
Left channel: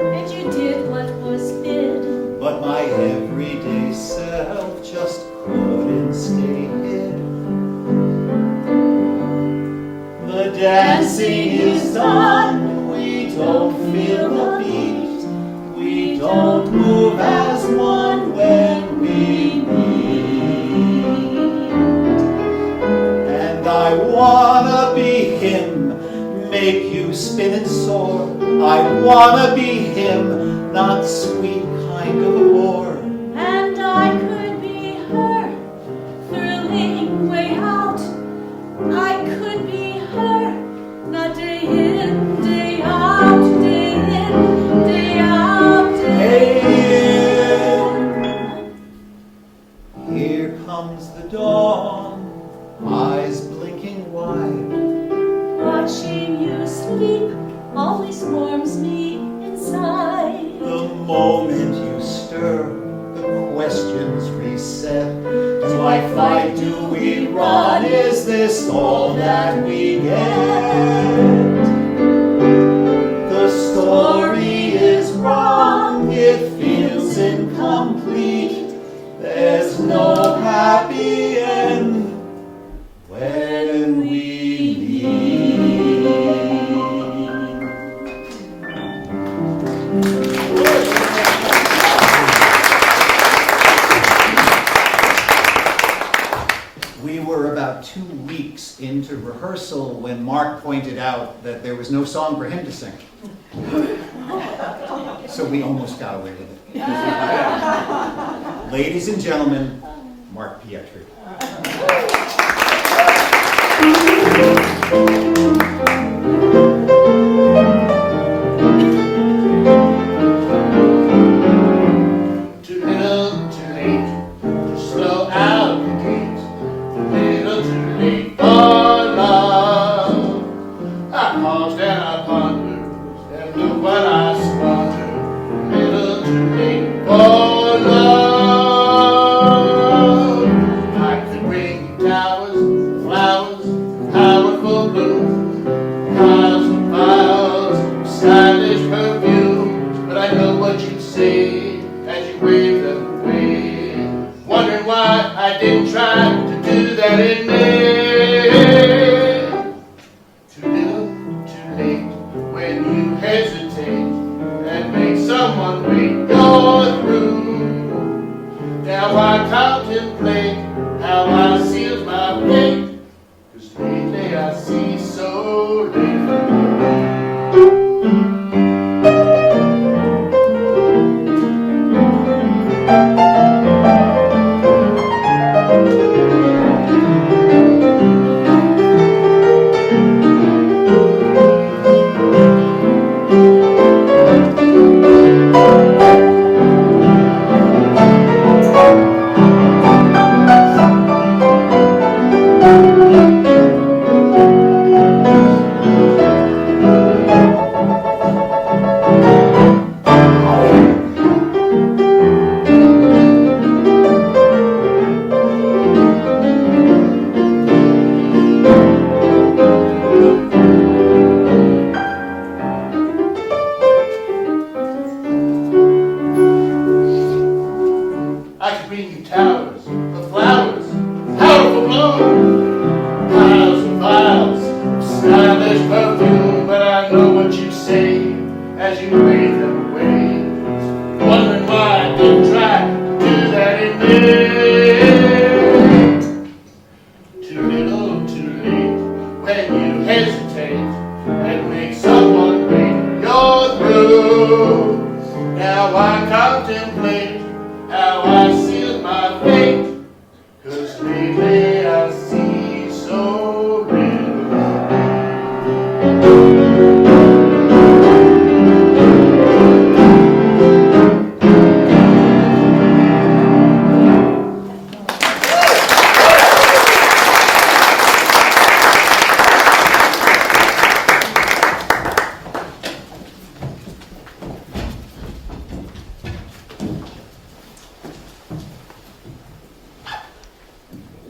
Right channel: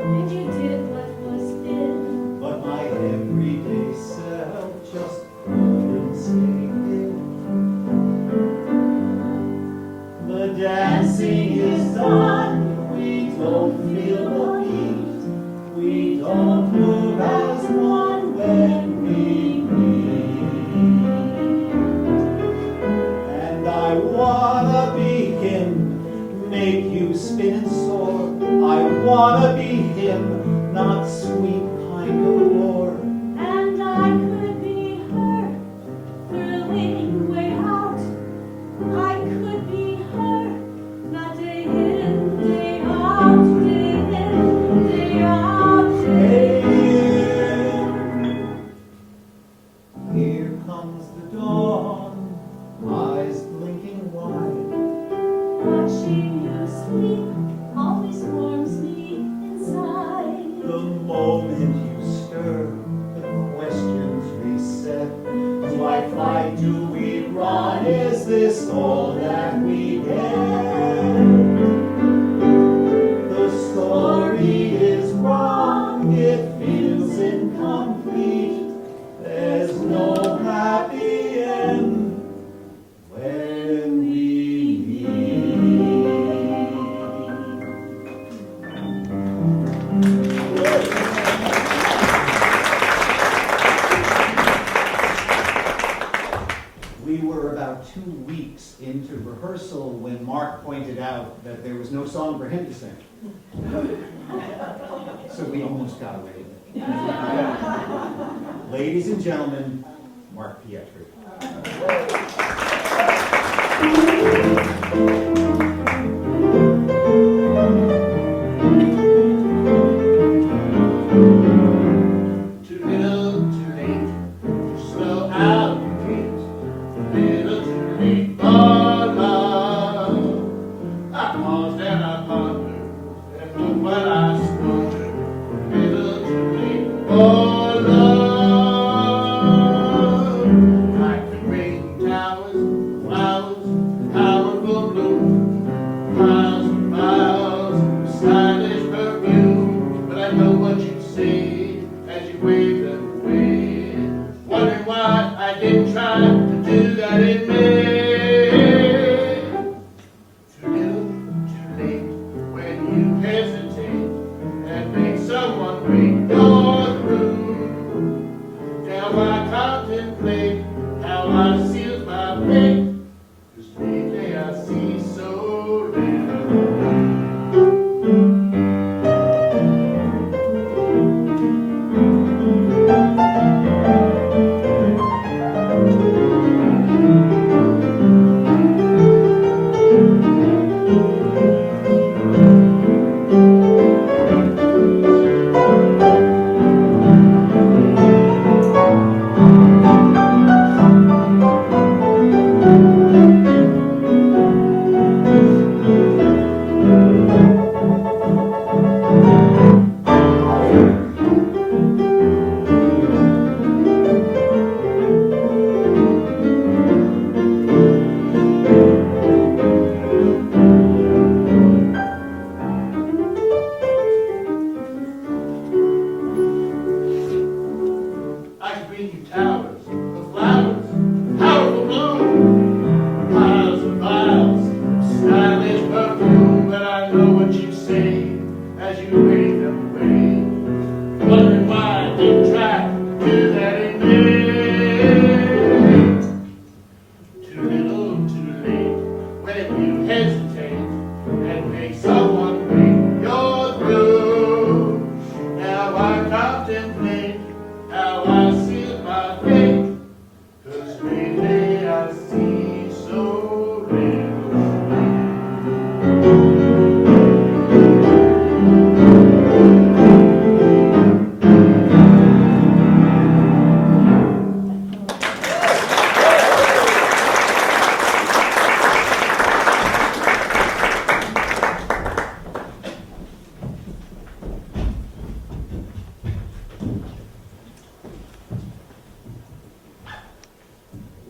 And you did what was bid. but my everyday self just couldn't stay hid. The dancing is done, we don't feel the beat. We don't move as one when we meet. And I wanna be him, make you spin and soar. I wanna be him, not sweet night of a war. And I could be her, thrilling way out. I could be her, not day in, day out, day in, day out, day in. Here comes the dawn, eyes blinking wide. Watching you sleep always warms me inside. The moment you stir, the questions reset. Do I fight? Do we run? Is this all that we get? The story is wrong, it feels incomplete. There's no happy end when we meet. We were about 2 weeks into rehearsal when Mark pointed out that there was no song for him to sing. So we almost got away with it. Ladies and gentlemen, Mark Pietri. Too little, too late to slow out the gate. Too little, too late for love. I paused and I pondered and look what I squandered. Too little, too late for love. I could bring you towers, flowers, powerful bloom, piles and piles of stylish perfume. But I know what you'd say as you wave them away, wondering why I didn't try to do that in May. Too little, too late when you hesitate and make someone wait. You're through. Now I contemplate how I seal my fate, 'cause lately I see so little. I could bring you towers of flowers, powerful bloom, piles and piles of stylish perfume. But I know what you say as you wave them away, wondering why I didn't try to do that in May. Too little, too late when you hesitate and make someone wait. You're through. Now I contemplate how I seal my fate, 'cause lately I see so little.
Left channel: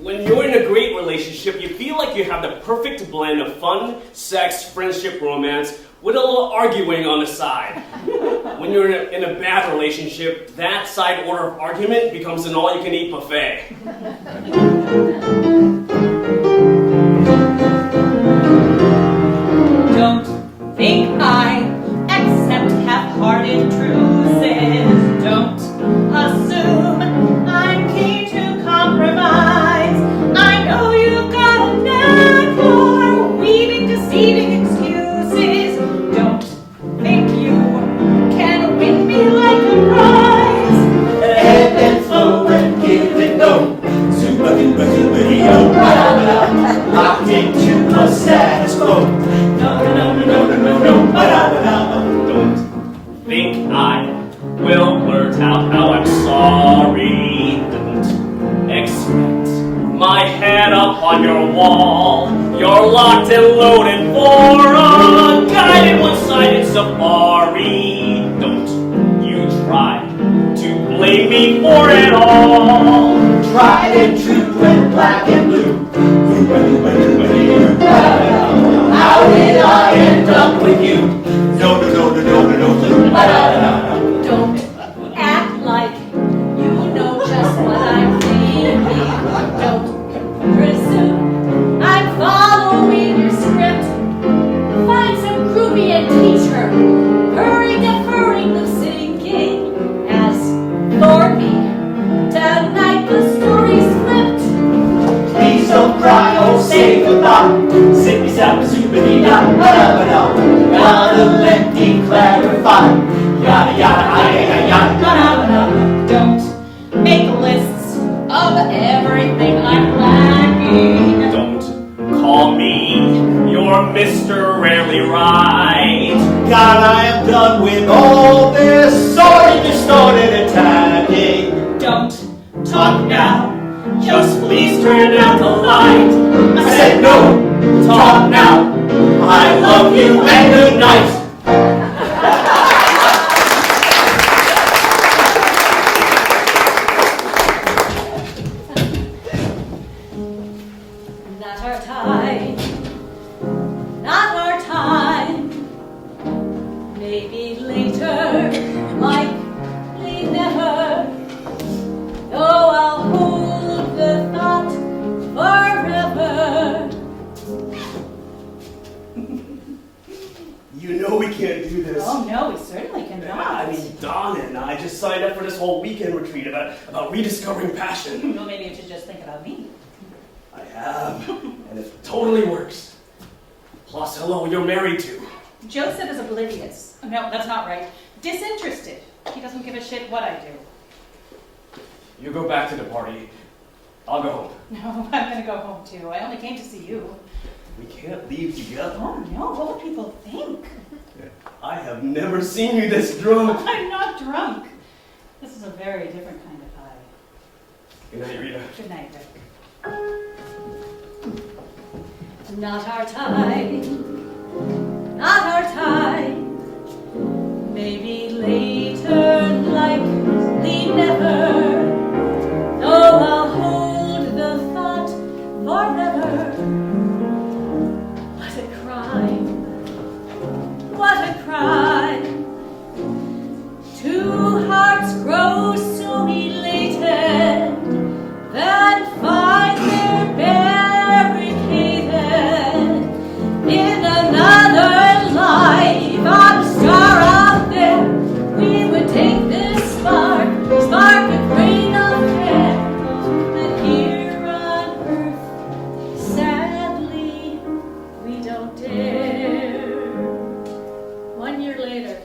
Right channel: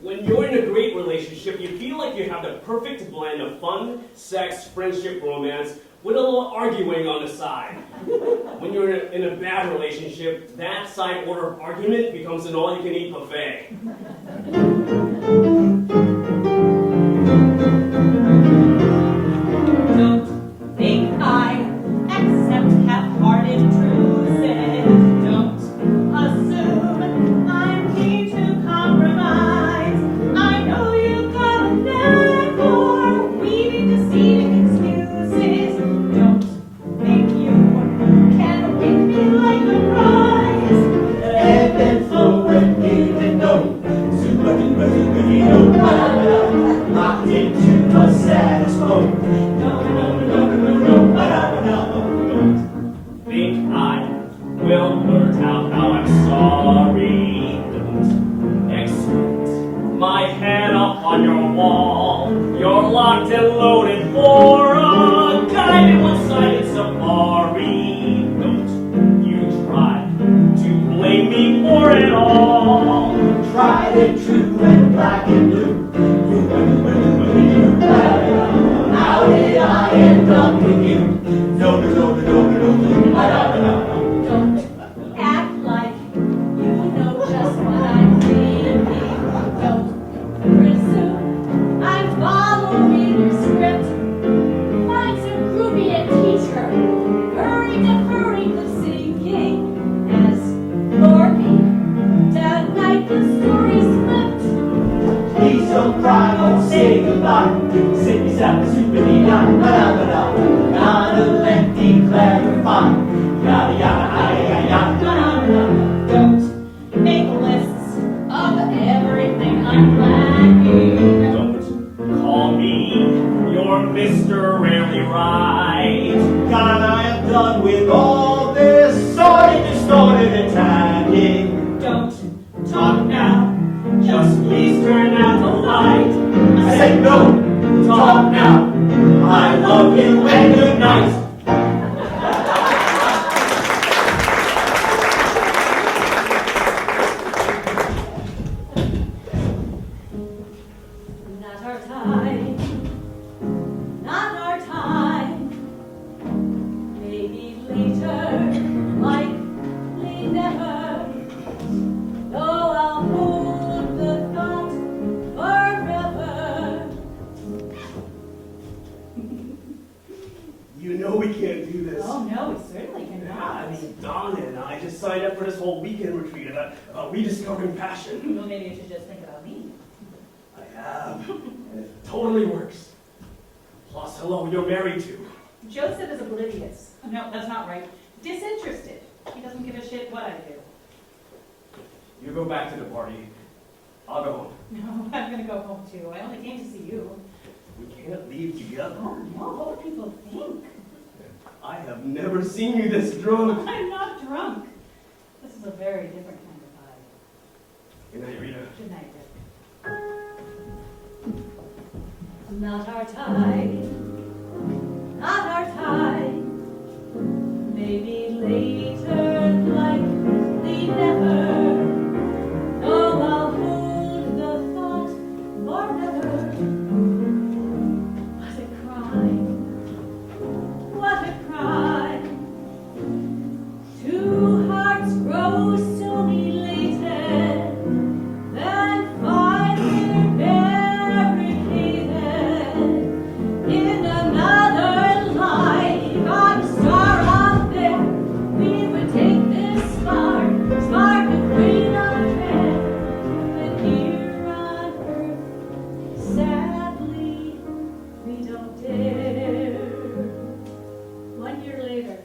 When you're in a great relationship, you feel like you have the perfect blend of fun, sex, friendship, romance, with a little arguing on the side. When you're in a bad relationship, that side order of argument becomes an all-you-can-eat buffet. Don't think I accept half-hearted truces. Don't assume I'm keen to compromise. I know you've got a knack for weaving deceiving excuses. Don't think you can win me like a prize. locked and loaded for a guided one-sided safari. Don't you try to blame me for it all. Tried and true and black and blue. How did I end up with you? No, no, no, no, no, no, no. Don't act like you know just what I'm thinking. Don't presume I'm following your script. Find some groupie and teach her. Hurry, deferring the sinking has lured me. Tonight the story's flipped. Please don't cry, oh say goodbye. Sippy sappy soupy da da da da. Gotta let me clarify. Yada yada yada yada yada. Don't make lists of everything I'm lacking. Don't call me your Mr. Rarely Right. God, I am done with all this sorry, distorted and tagging. Don't talk now. Just please turn out the light. I said no, talk now. I love you and good night. Not our time. Not our time. Maybe later, likely never. Though I'll hold the thought forever. You know we can't do this. Oh no, we certainly Yeah, cannot. I mean, Donna and I just signed up for this whole weekend retreat about rediscovering passion. Well, maybe you should just think about me. I have, and it totally works. Plus, hello, you're married to. Joseph is oblivious. No, that's not right. Disinterested. He doesn't give a shit what I do. You go back to the party. I'll go home. No, I'm gonna go home too. I only came to see you. We can't leave together. Oh no, what would people think? I have never seen you this drunk. I'm not drunk. This is a very different kind of high. Good night, Rita. Good night, Rick. Not our time. Not our time. Maybe later, likely never. Though I'll hold the thought forever. What a crime. What a crime. Two hearts grow so elated, then find they're barricaded in another life. I'm a star out there. We would take this spark with grain of care. But here on earth, sadly, we don't dare. 1 year later.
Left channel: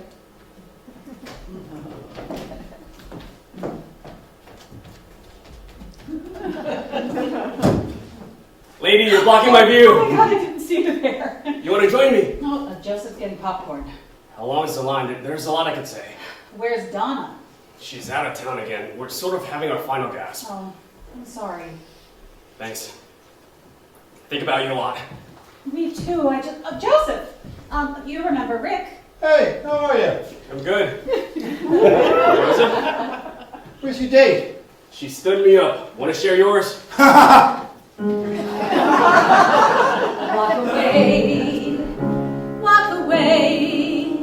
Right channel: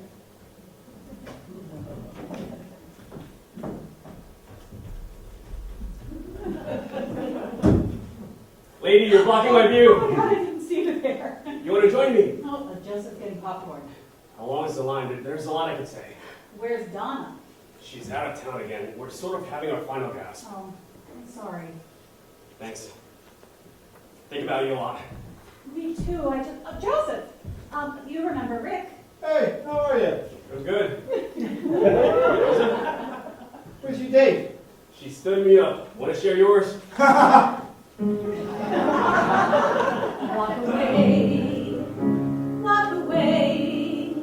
Lady, you're blocking my view. Oh my god, I didn't see you there. You want to join me? No, Joseph's getting popcorn. How long is the line? There's a lot I could say. Where's Donna? She's out of town again. We're sort of having our final gasp. Oh, I'm sorry. Thanks. Think about you a lot. Me too. Joseph. You remember Rick? Hey, how are you? I'm good. Joseph? Where's your date? She stood me up. Want to share yours? Walk away, walk away.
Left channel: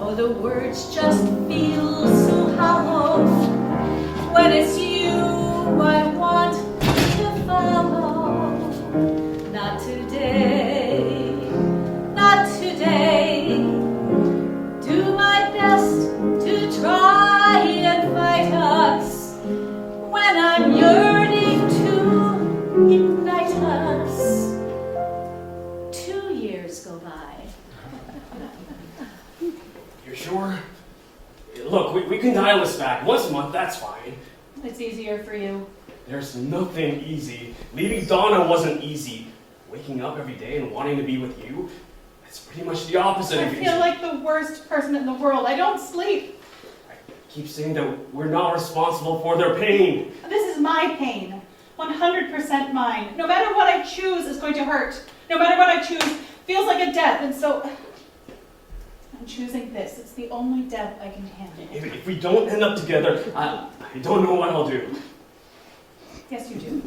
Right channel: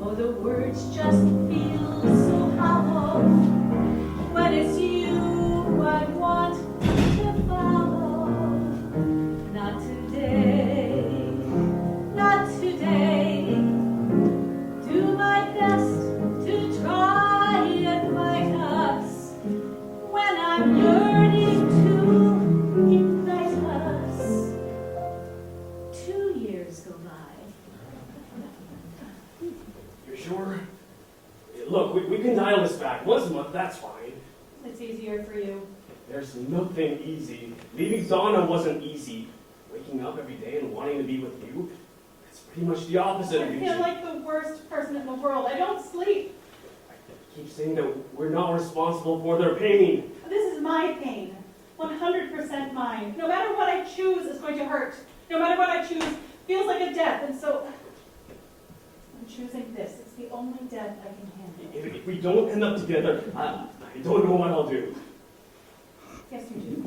Oh, the words just feel so hollow. When it's you I want to follow. Not today, not today. Do my best to try and fight us when I'm yearning to ignite us. 2 years go by. You're sure? Look, we can dial this back. Once a month, that's fine. It's easier for you. There's nothing easy. Leaving Donna wasn't easy. Waking up every day and wanting to be with you, it's pretty much the opposite I of feel like the worst person in the world. I don't sleep. I keep saying that we're not responsible for their pain. This is my pain. 100% mine. No matter what I choose is going to hurt. No matter what I choose, feels like a death, and so I'm choosing this. It's the only death I can handle. If we don't end up together, I don't know what I'll do. Yes, you do.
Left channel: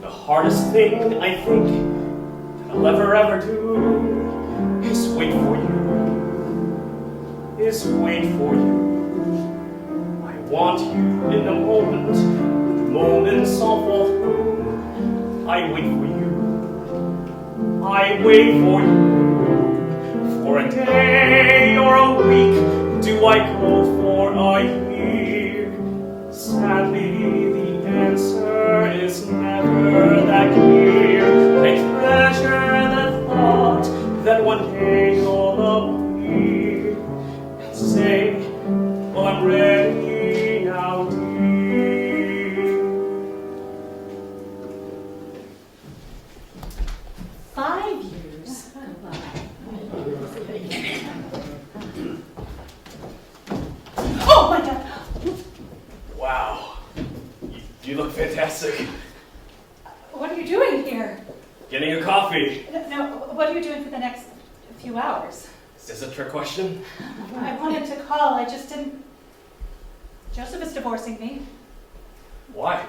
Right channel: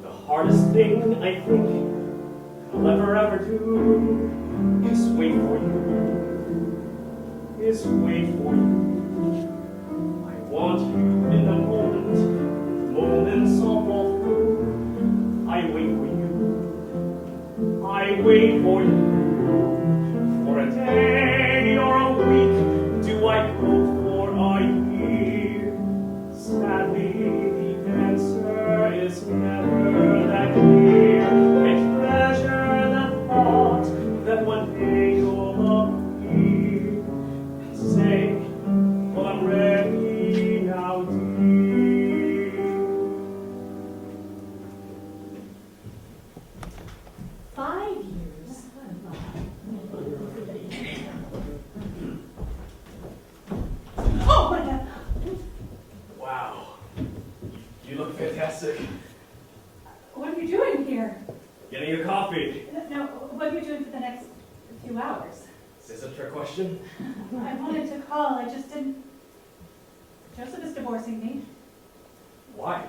The hardest thing I think I'll ever do is wait for you. Is wait for you. I want you in the moment. The moments all fall through. I wait for you. I wait for you. For a day or a week. Do I go for a year? Sadly, the answer is never that clear. I treasure the thought that one day you'll love me and say, well, I'm ready now, dear. 5 years. Oh my God! Wow. You look fantastic. What are you doing here? Getting a coffee. No, what are you doing for the next few hours? Is this a trick question? I wanted to call, I just didn't. Joseph is divorcing me. Why?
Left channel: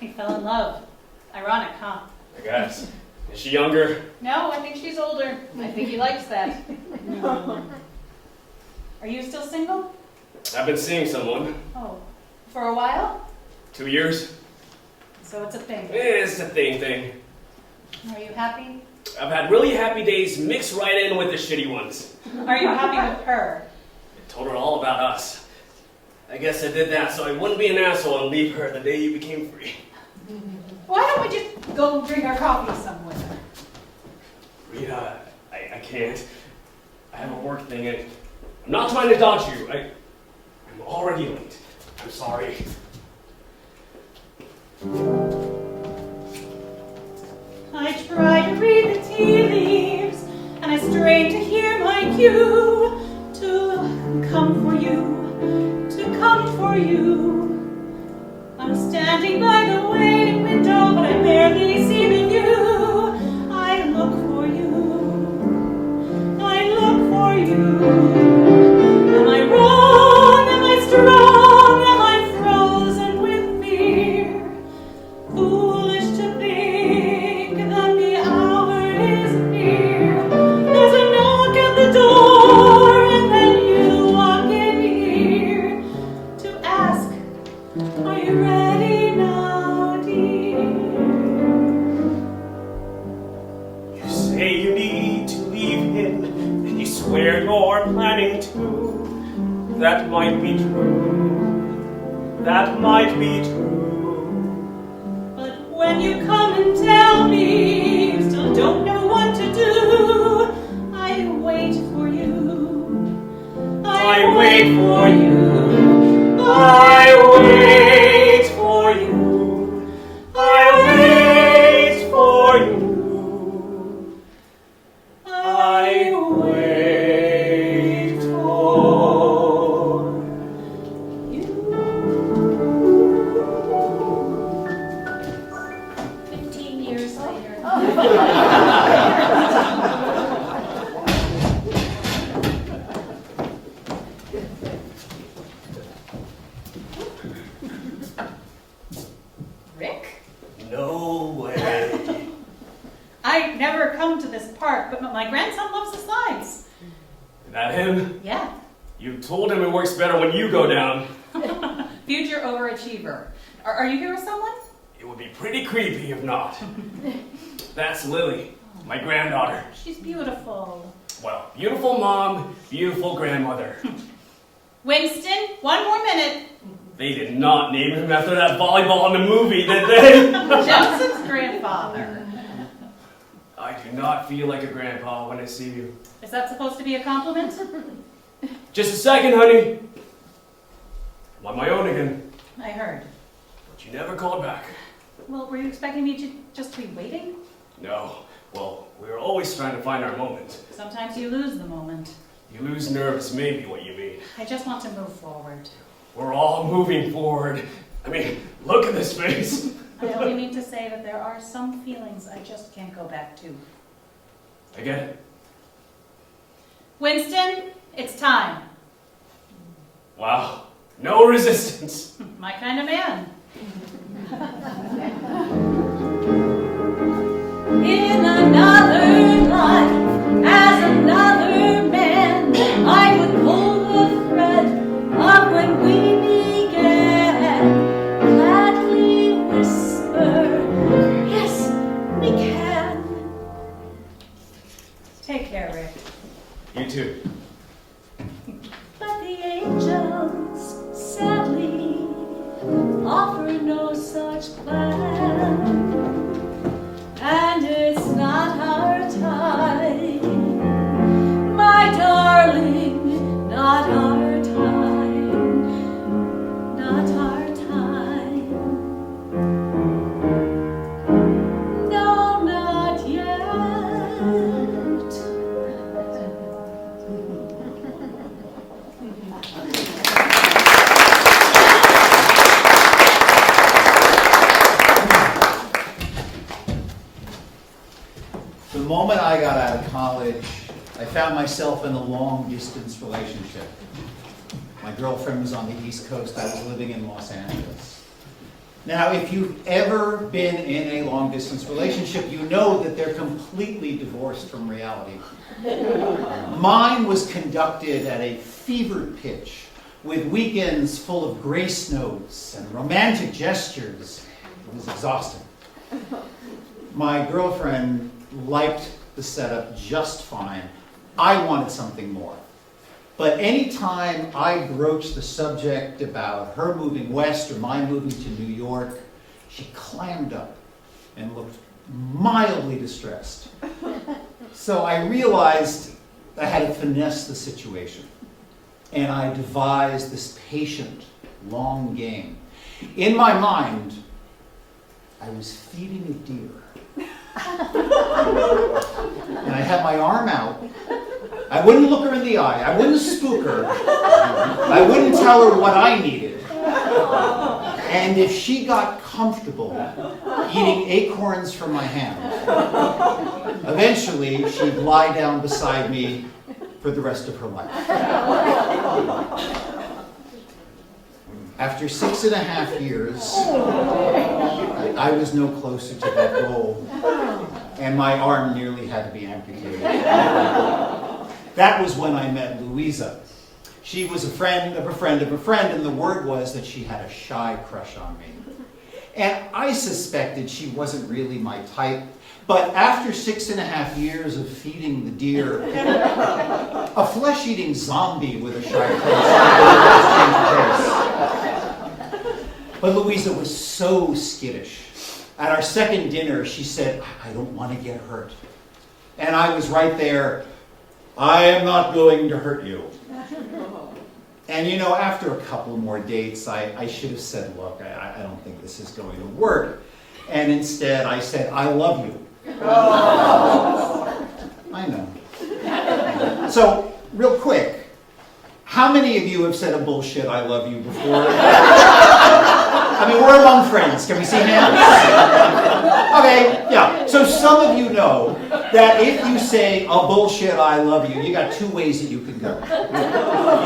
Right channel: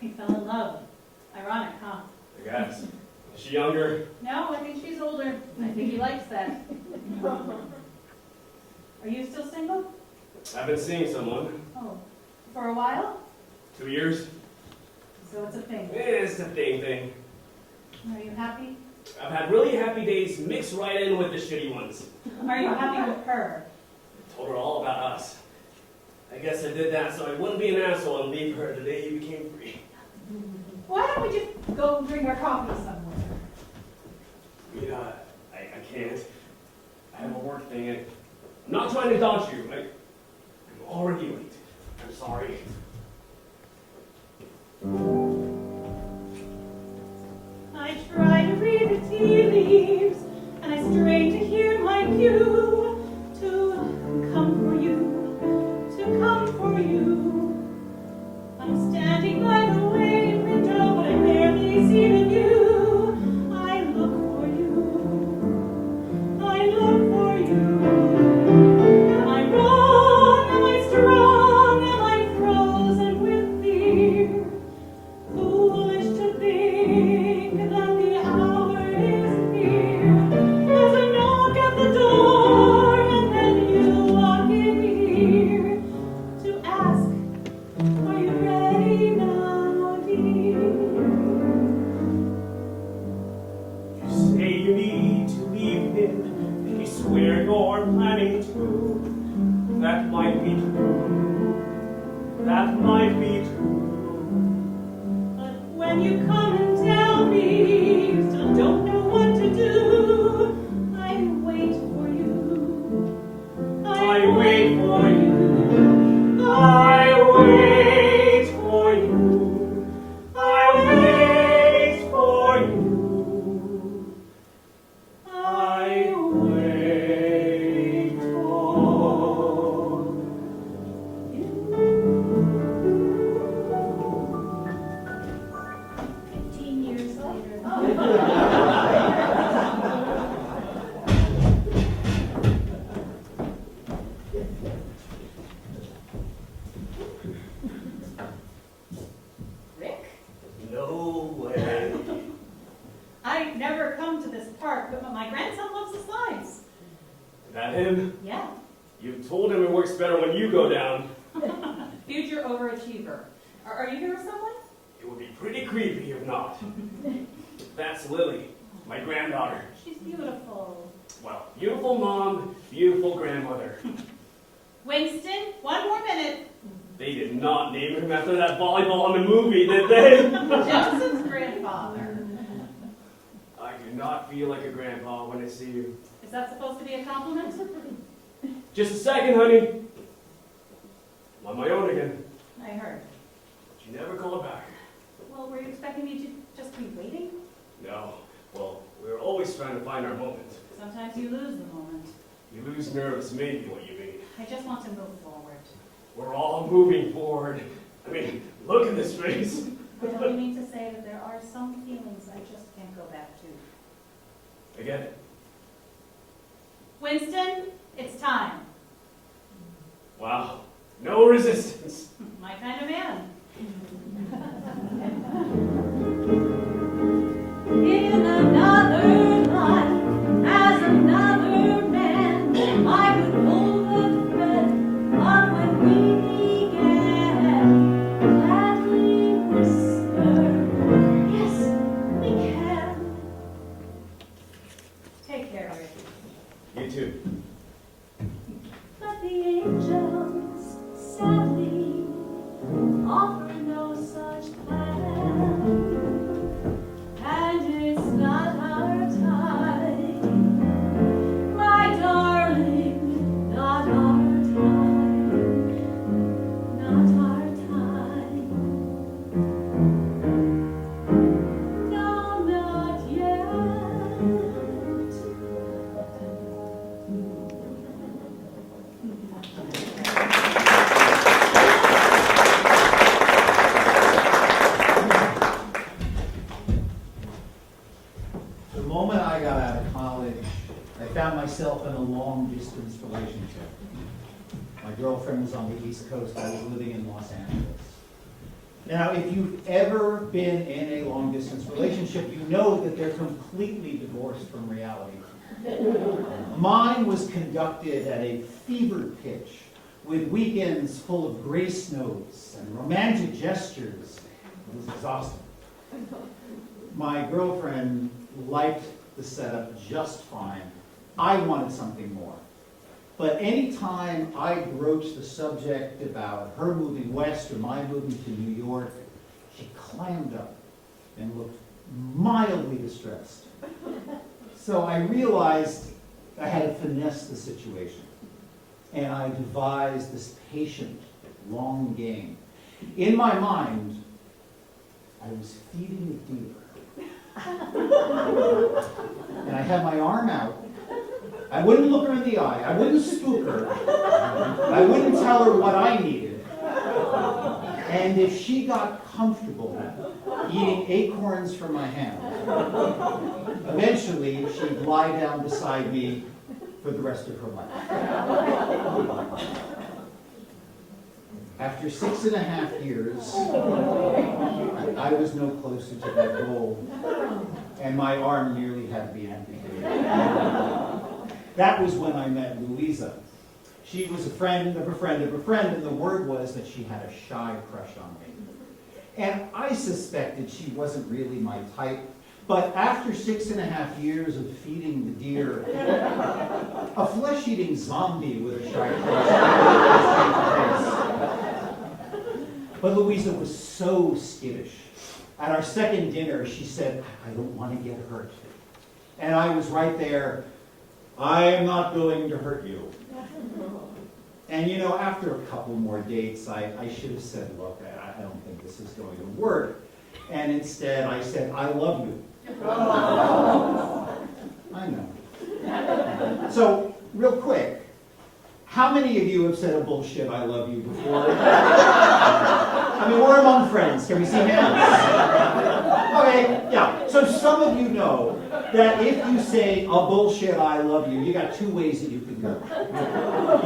He fell in love. Ironic, huh? I guess. Is she younger? No, I think she's older. I think he likes that. Are you still single? I've been seeing someone. Oh, for a while? 2 years. So it's a thing. It's a thing. Are you happy? I've had really happy days mixed right in with the shitty ones. Are you happy with her? I told her all about us. I guess I did that so I wouldn't be an asshole and leave her the day you became free. Why don't we just go drink our coffee somewhere? Rita, I can't. I have a work thing and I'm not trying to dodge you. I'm already late. I'm sorry. I try to read the tea leaves, and I strain to hear my cue to come for you, to come for you. I'm standing by the waiting window, but I barely see the view. I look for you, I look for you. Am I wrong? Am I strong? Am I frozen with fear? Foolish to think that the hour is near. There's a knock at the door, and then you walk in here to ask, are you ready now, dear? You say you need to leave him and you swear you're planning to. That might be true. That might be true. But when you come and tell me you still don't know what to do, I wait for you. I wait for you. I wait for you. I wait for you. I wait for you. 15 years later. Rick? No way. I never come to this park, but my grandson loves the slides. Is that him? Yeah. You told him it works better when you go down. Future overachiever. Are you here with someone? It would be pretty creepy if not. That's Lily, my granddaughter. She's beautiful. Well, beautiful mom, beautiful grandmother. Winston, one more minute. They did not name him after that volleyball in the movie, did they? Joseph's grandfather. I do not feel like a grandpa when I see you. Is that supposed to be a compliment? Just a second, honey. I'm on my own again. I heard. But you never called back. Well, were you expecting me to just be waiting? No. Well, We're always trying to find our moment. Sometimes you lose the moment. You lose nerves, maybe what you mean. I just want to move forward. We're all moving forward. I mean, look at this face. I only mean to say that there are some feelings I just can't go back to. I get it. Winston, it's time. Wow. No resistance. My kind of man. In another life, as another man, I would pull the thread of when we began. Gladly whisper, yes, we can. Take care, Rick. You too. But the angels, sadly, offer no such plan. And it's not our time, my darling, not our time, not our time. No, not yet. The moment I got out of college, I found myself in a long-distance relationship. My girlfriend was on the East Coast. I was living in Los Angeles. Now, if you've ever been in a long-distance relationship, you know that they're completely divorced from reality. Mine was conducted at a fevered pitch, with weekends full of grace notes and romantic gestures. It was exhausting. My girlfriend liked the setup just fine. I wanted something more. But anytime I broached the subject about her moving west or my moving to New York, she clammed up and looked mildly distressed. So I realized I had to finesse the situation. And I devised this patient, long game. In my mind, I was feeding a deer. And I had my arm out. I wouldn't look her in the eye. I wouldn't spook her. I wouldn't tell her what I needed. And if she got comfortable eating acorns from my hand, eventually she'd lie down beside me for the rest of her life. After 6.5 years, I was no closer to that goal, and my arm nearly had to be amputated. That was when I met Louisa. She was a friend of a friend of a friend, and the word was that she had a shy crush on me. And I suspected she wasn't really my type, but after 6.5 years of feeding the deer, a flesh-eating zombie with a shy crush. But Louisa was so skittish. At our second dinner, she said, I don't want to get hurt. And I was right there, I am not going to hurt you. And you know, after a couple more dates, I should have said, look, I don't think this is going to work. And instead, I said, I love you. I know. So, real quick, how many of you have said a bullshit I love you before? I mean, we're among friends. Can we see hands? Okay, yeah. So some of you know that if you say a bullshit I love you, you got two ways that you can go.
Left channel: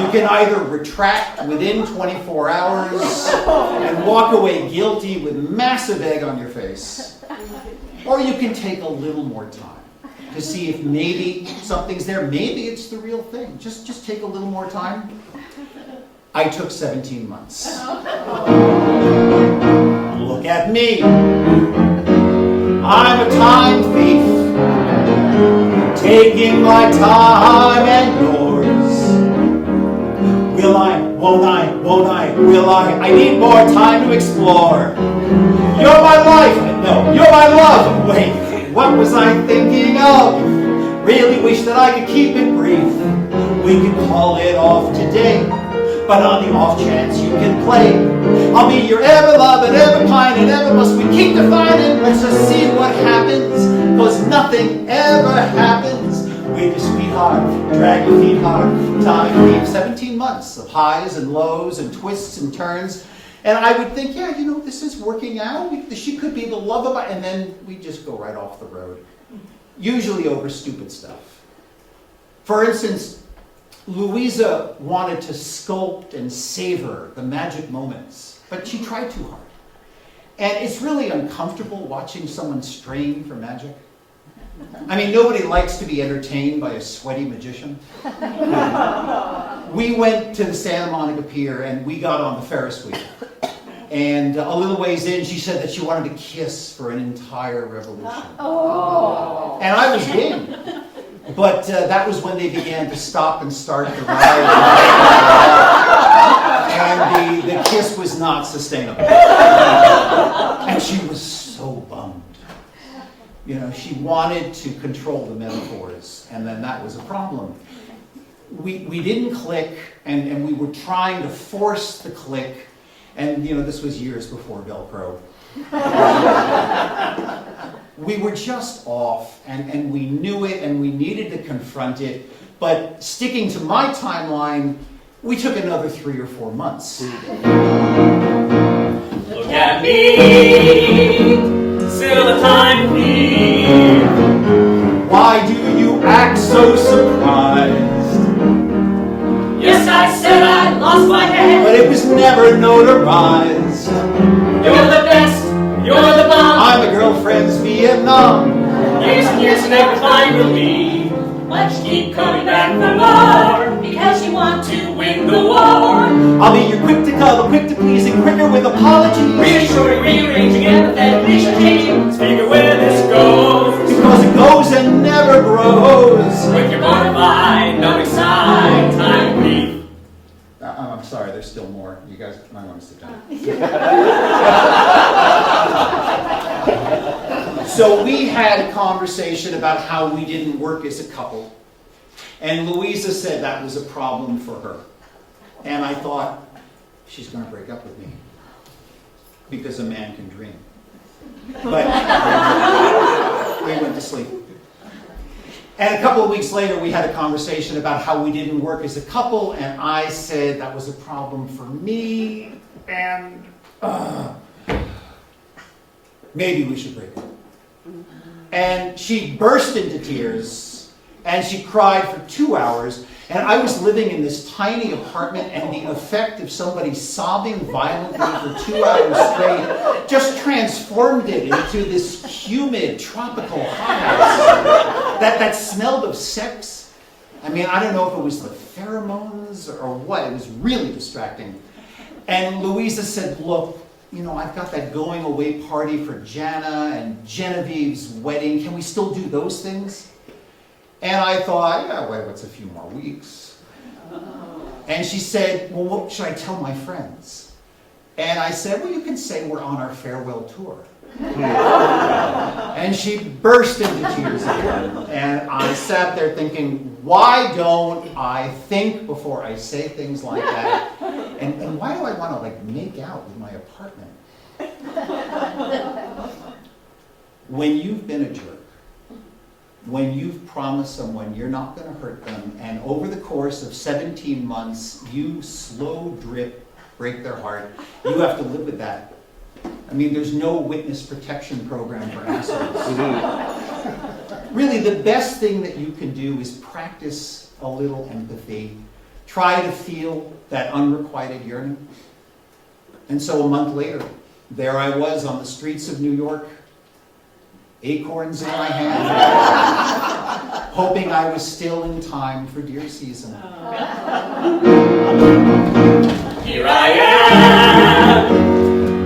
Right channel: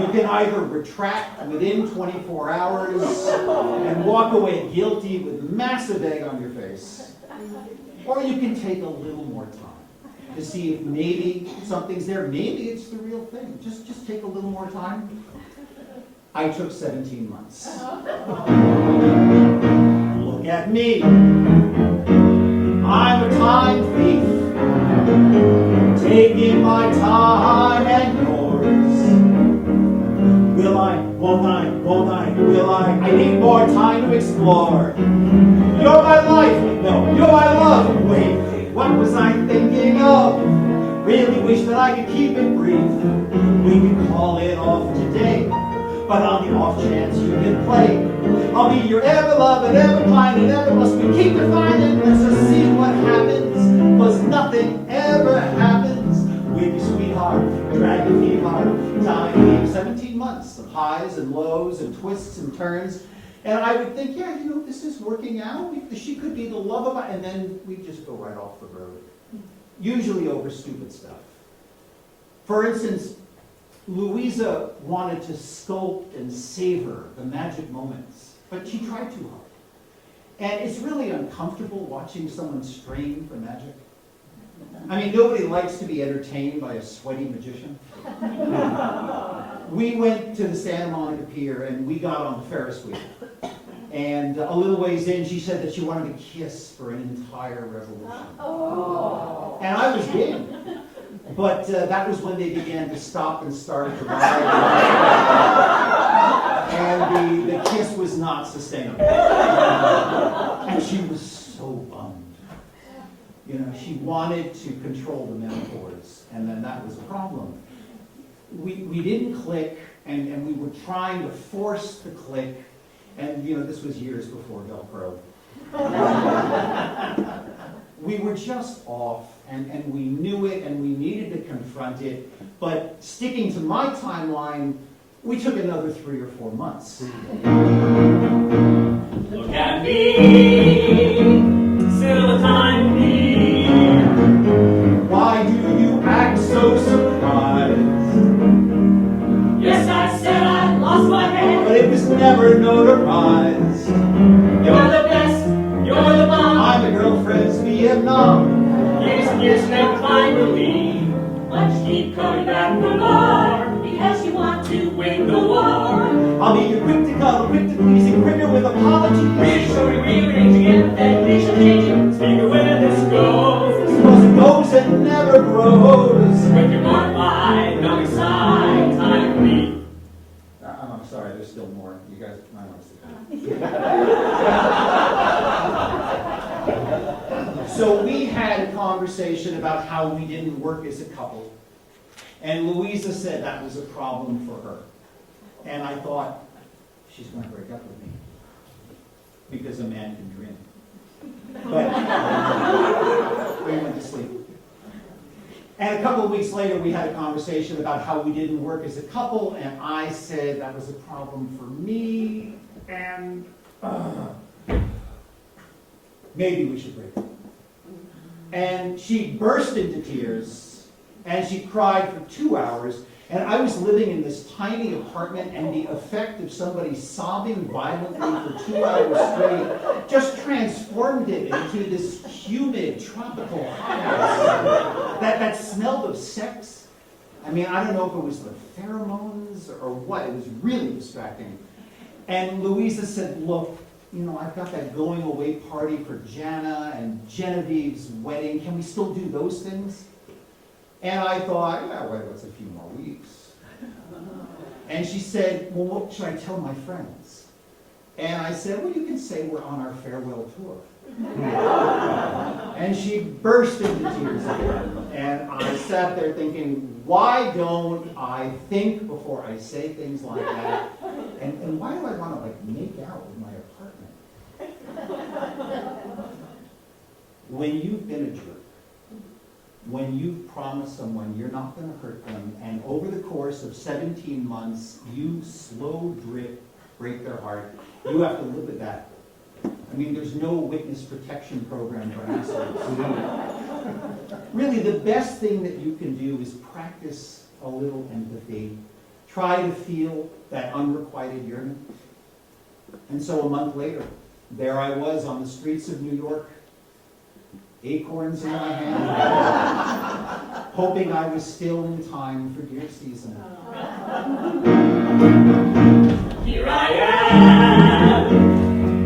You can either retract within 24 hours and walk away guilty with massive egg on your face. Or you can take a little more time to see if maybe something's there. Maybe it's the real thing. Just take a little more time. I took 17 months. Look at me. I'm a time thief, taking my time and yours. Will I, won't I, will I need more time to explore. You're my life, no, you're my love. Wait, what was I thinking of? Really wish that I could keep it brief. We could call it off today. But on the off chance you can play, I'll be your ever loving, ever kind, and ever must we keep defining. Let's just see what happens, cause nothing ever happens with your sweetheart. Drag your feet hard, time leaves 17 months of highs and lows and twists and turns. And I would think, yeah, you know, this is working out. She could be the love of my, and then we just go right off the road. Usually over stupid stuff. For instance, Louisa wanted to sculpt and savor the magic moments, but she tried too hard. And it's really uncomfortable watching someone strain for magic. I mean, nobody likes to be entertained by a sweaty magician. We went to the Santa Monica Pier and we got on the Ferris wheel. And a little ways in, she said that she wanted to kiss for an entire revolution. Oh. And I was game. But that was when they began to stop and start the ride. And the kiss was not sustainable. And she was so bummed. You know, she wanted to control the metaphors, and then that was a problem. We didn't click, and we were trying to force the click, and you know, this was years before Velcro. We were just off, and we knew it, and we needed to confront it, but sticking to my timeline, we took another 3 or 4 months. Look at me, still the time me. Why do you act so surprised? Yes, I said I lost my head. But it was never notarized. You're the best, you're the bomb. I'm a girlfriend's Vietnam. Years never fine with me. But you keep coming back for more, because you want to win the war. I'll be your quick to cuddle, quick to please, and quicker with apologies. Reassuring, rearranging, empathetically changing. Speaking where this goes. Because it goes and never grows. With your mortified, numbing side, time brief. I'm sorry, there's still more. You guys might want to sit down. So we had a conversation about how we didn't work as a couple. And Louisa said that was a problem for her. And I thought, she's going to break up with me. Because a man can dream. But they went to sleep. And a couple of weeks later, we had a conversation about how we didn't work as a couple. And I said that was a problem for me. And maybe we should break up. And she burst into tears, and she cried for 2 hours, and I was living in this tiny apartment, and the effect of somebody sobbing violently for 2 hours straight just transformed it into this humid, tropical house that smelled of sex. I mean, I don't know if it was the pheromones or what. It was really distracting. And Louisa said, look, you know, I've got that going away party for Jana and Genevieve's wedding. Can we still do those things? And I thought, yeah, wait, what's a few more weeks? And she said, well, what should I tell my friends? And I said, well, you can say we're on our farewell tour. And she burst into tears again. And I sat there thinking, why don't I think before I say things like that? And why do I want to like make out with my apartment? When you've been a jerk, when you've promised someone you're not going to hurt them, and over the course of 17 months, you slow drip break their heart, you have to live with that. I mean, there's no witness protection program for assholes. Really, the best thing that you can do is practice a little empathy. Try to feel that unrequited yearning. And so a month later, there I was on the streets of New York, acorns in my hand, hoping I was still in time for deer season. Here I am,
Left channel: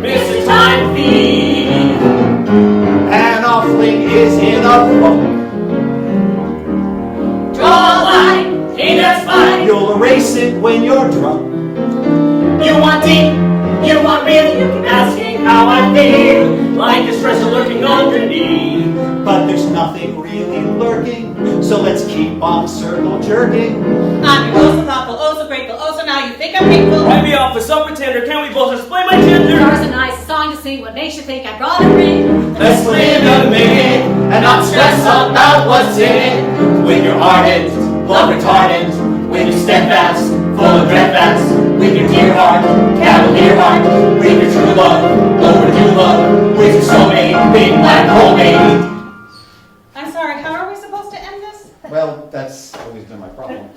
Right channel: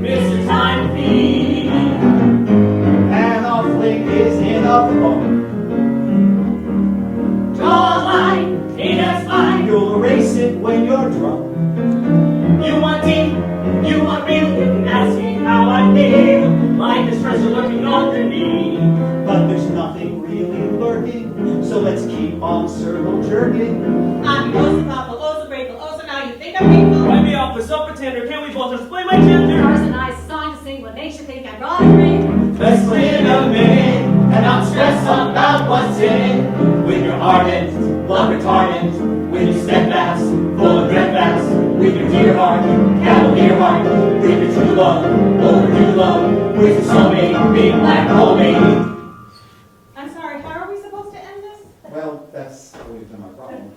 Mr. Time Thief. An offling is in a funk. Draw a line, hey, that's fine. You'll erase it when you're drunk. You want deep, you want real, you keep asking how I feel, like a stressor lurking underneath. But there's nothing really lurking, so let's keep on circle jerking. I'm your oh so thoughtful, oh so grateful, oh so now you think think I'm hateful? Write me off for some pretender. Can we both explain my gender? Stars a nice song to sing. What makes you think I brought a ring? Let's live a minute and not stress about what's in it. When you're ardent, love retardant, when you're steadfast, full of dreadfast, with your dear heart, cavalier heart, with your true love, overdue love, with your soulmate, big black hole baby. I'm sorry, how are we supposed to end this? Well, that's always been my problem.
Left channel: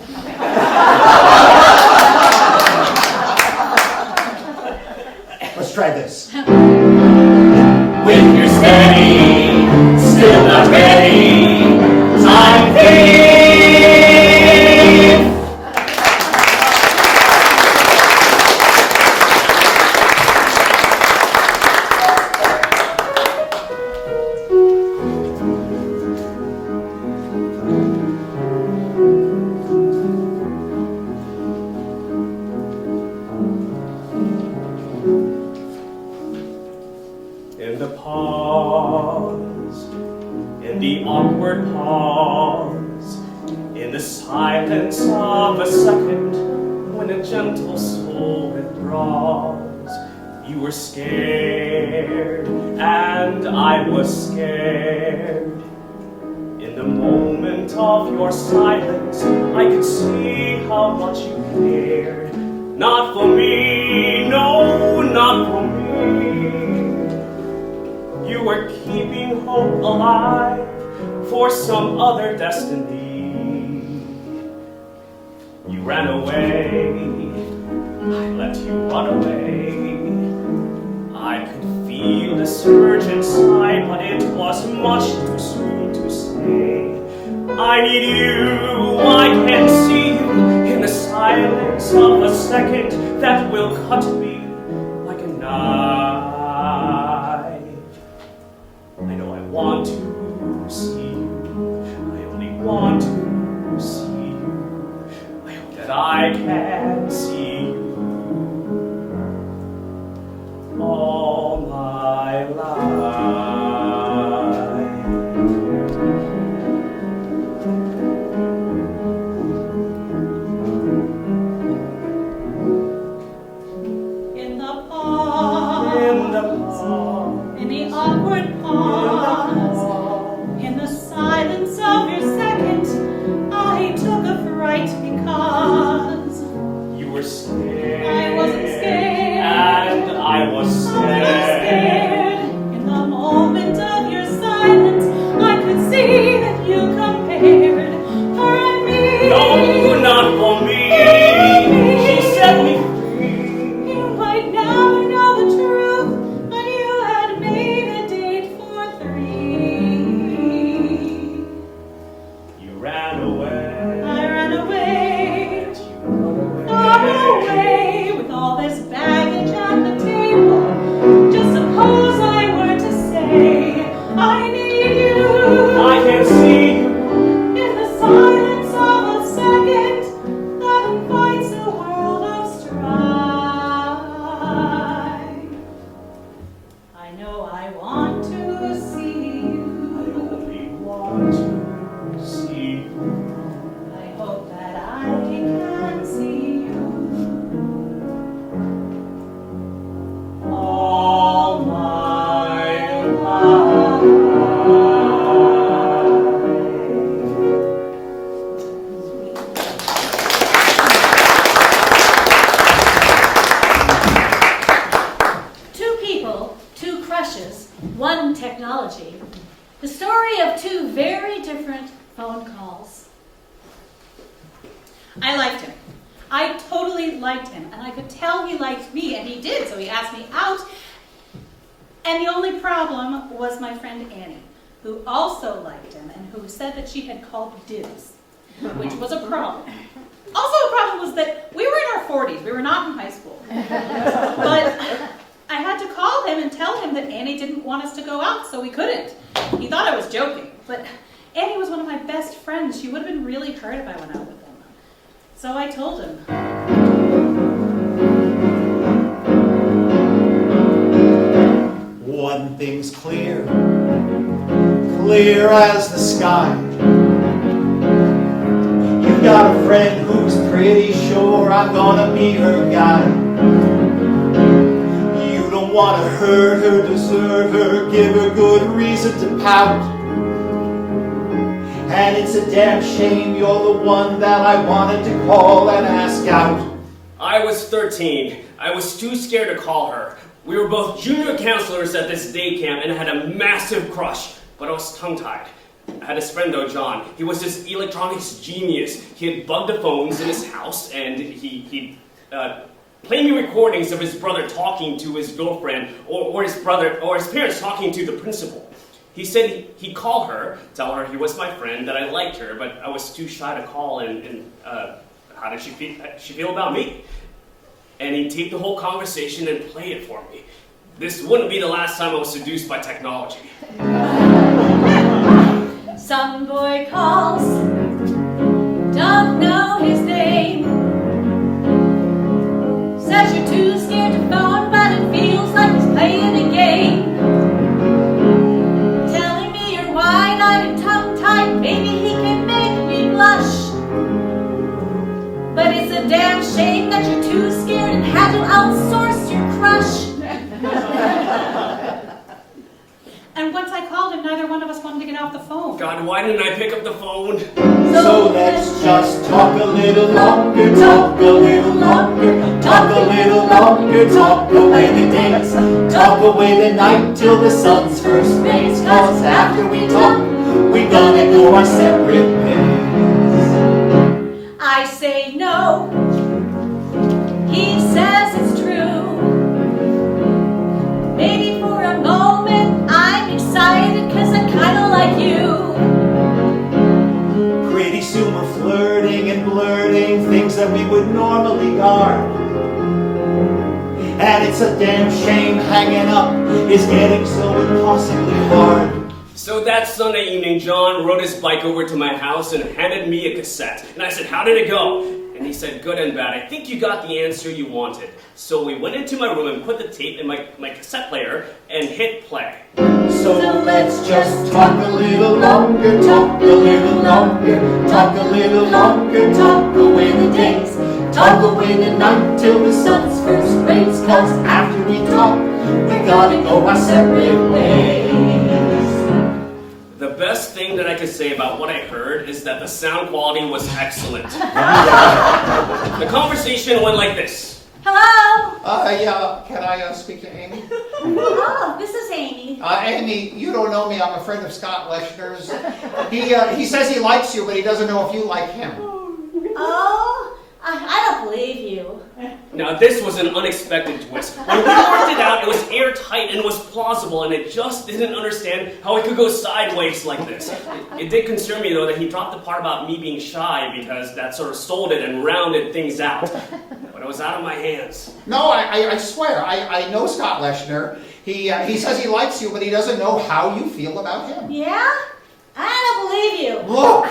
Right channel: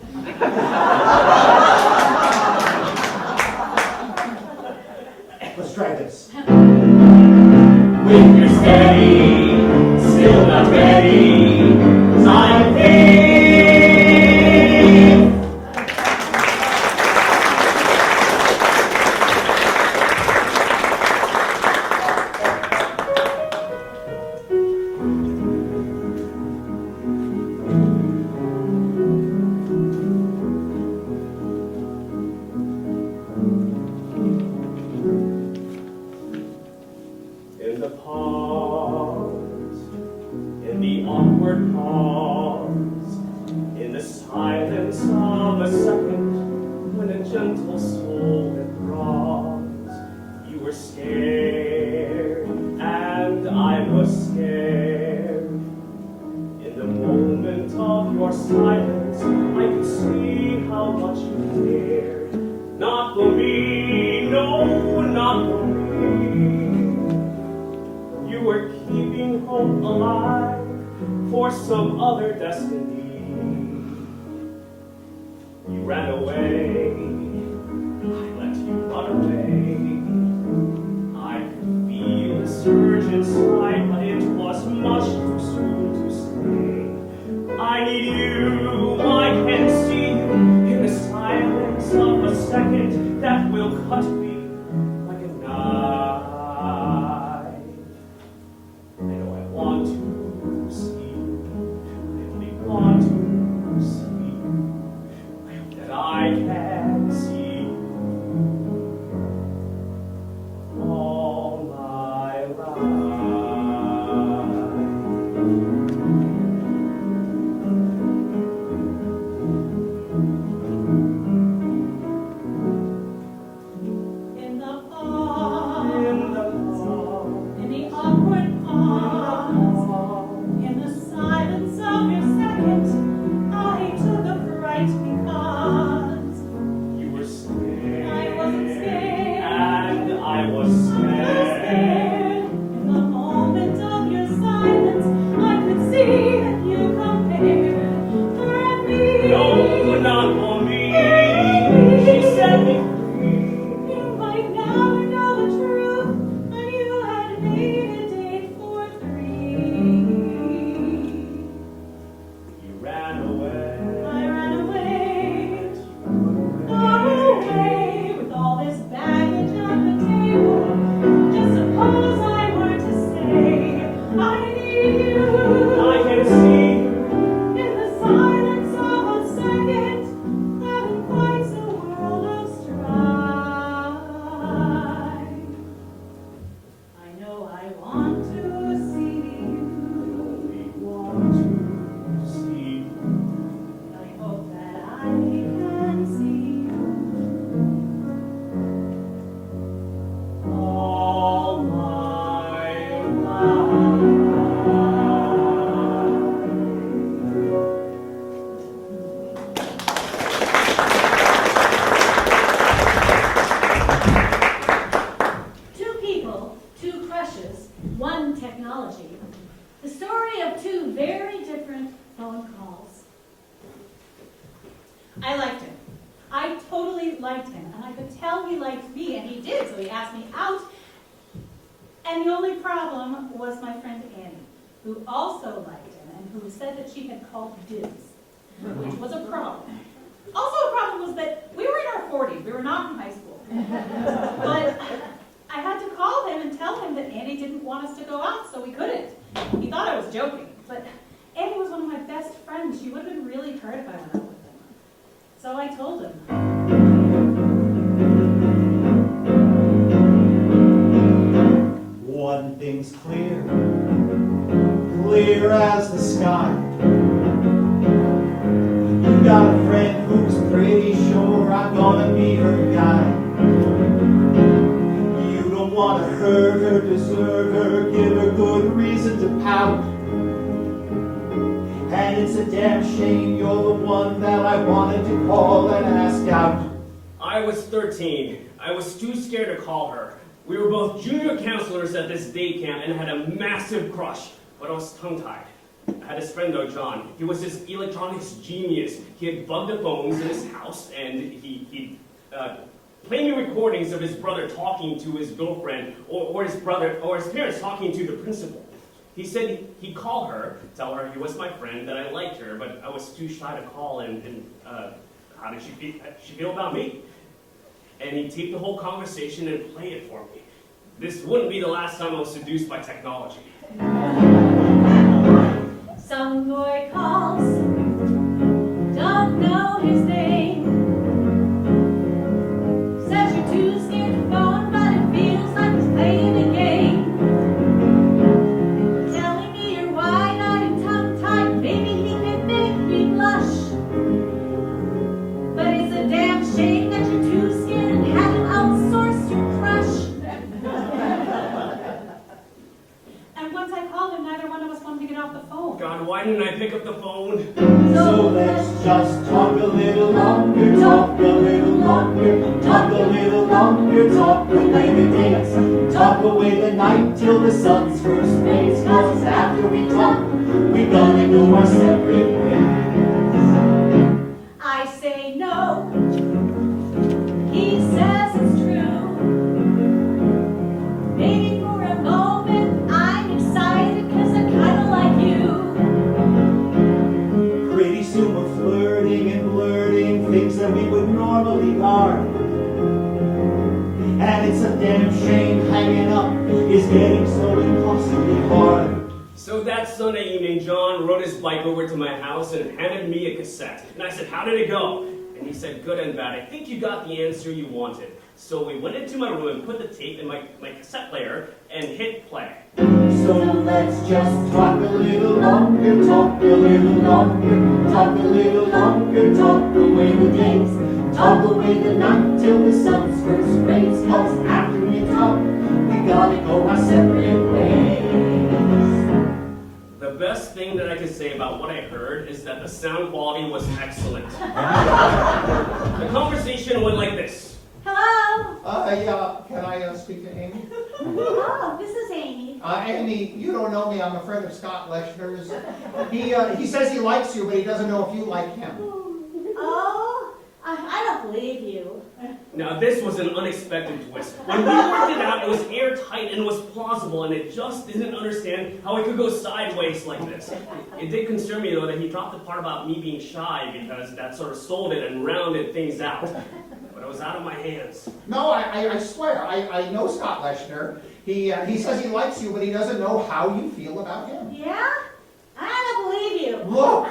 Let's try this. When you're steady, still not ready, time fades. In the pause, in the awkward pause, in the silence of a second, when a gentle soul withdraws, you were scared, and I was scared. In the moment of your silence, I could see how much you cared. Not for me, no, not for me. You were keeping hope alive for some other destiny. You ran away, I let you run away. I could feel the surge inside, but it was much too soon to say. I need you, I can see you in the silence of a second that will cut me like a knife. I know I want to see you, I only want to see you. I hope that I can see you all my life. In the pause, In the pause, in the awkward pause, in the silence of your second, I took a fright because you were scared. I wasn't scared. And I was I was scared. scared. In the moment of your silence, I could see that you compared her and me. No, not for me. She set me free. You might never know the truth, but you had made a date for 3. You ran away. I ran away, You run far away, with all this baggage at the table. Just suppose I were to say, I need you. I can see you. In the silence of a second that invites a world of strife. I know I want to see you. I only want to see you. I hope that I can see you All my life. Two people, two crushes, one technology. The story of two very different phone calls. I liked him. I totally liked him, and I could tell he liked me, and he did, so he asked me out. And the only problem was my friend Annie, who also liked him, and who said that she had called dibs, which was a problem. Also a problem was that we were in our 40s, we were not in high school. But I had to call him and tell him that Annie didn't want us to go out, so we couldn't. He thought I was joking, but Annie was one of my best friends. She would have been really hurt if I went out with him. So I told him. One thing's clear, clear as the sky. You got a friend who's pretty sure I'm gonna be her hurt her, desert her, give her good reason to pout. And it's a damn shame you're the one that I wanted to call and ask out. I was 13. I was too scared to call her. We were both junior counselors at this day camp and I had a massive crush, but I was tongue-tied. I had this friend though, John. He was this electronics genius. He had bugged the phones in his house and he played me recordings of his brother talking to his girlfriend or his parents talking to the principal. He said he'd call her, tell her he was my friend, that I liked her, but I was too shy to call and how did she feel about me? And he taped the whole conversation and played it for me. This wouldn't be the last time I was seduced by technology. Some boy calls, don't know his name. Says you're too scared to phone, but it feels like he's playing a game. Telling me you're wide-eyed and tongue-tied, maybe he can make me blush. But it's a damn shame that you're too scared and had to outsource your crush. And once I called him, neither one of us wanted to get off the phone. God, why didn't I pick up the phone? So let's just talk a little longer, talk a little longer, talk a little longer, talk away the days, talk away the night till the sun's first rays. Cause after we talk, we gonna go our separate ways. I say no, he says it's true. Maybe for a moment I'm excited cause I kinda like you. Pretty soon we're flirting and blurting things that we would normally guard. And it's a damn shame hanging up is getting so impossibly hard. So that Sunday evening, John rode his bike over to my house and handed me a cassette. And I said, how did it go? And he said, good and bad. I think you got the answer you wanted. So we went into my room and put the tape in my cassette player and hit play. So let's just talk a little longer, talk a little longer, talk a little longer, talk away the days, talk away the night till the sun's first rays. Cause after we talk, we gotta go our separate ways. The best thing that I could say about what I heard is that the sound quality was excellent. The conversation went like this. Hello? Yeah, can I speak to Amy? Oh, this is Amy. Amy, you don't know me. I'm a friend of Scott Leshner's. He says he likes you, but he doesn't know if you like him. Oh, I don't believe you. Now this was an unexpected twist. When we worked it out, it was airtight and it was plausible, and it just didn't understand how it could go sideways like this. It did concern me though that he dropped the part about me being shy because that sort of stalled it and rounded things out. But it was out of my hands. No, I swear, I know Scott Leshner. He says he likes you, but he doesn't know how you feel about him. Yeah? I don't believe you. Look!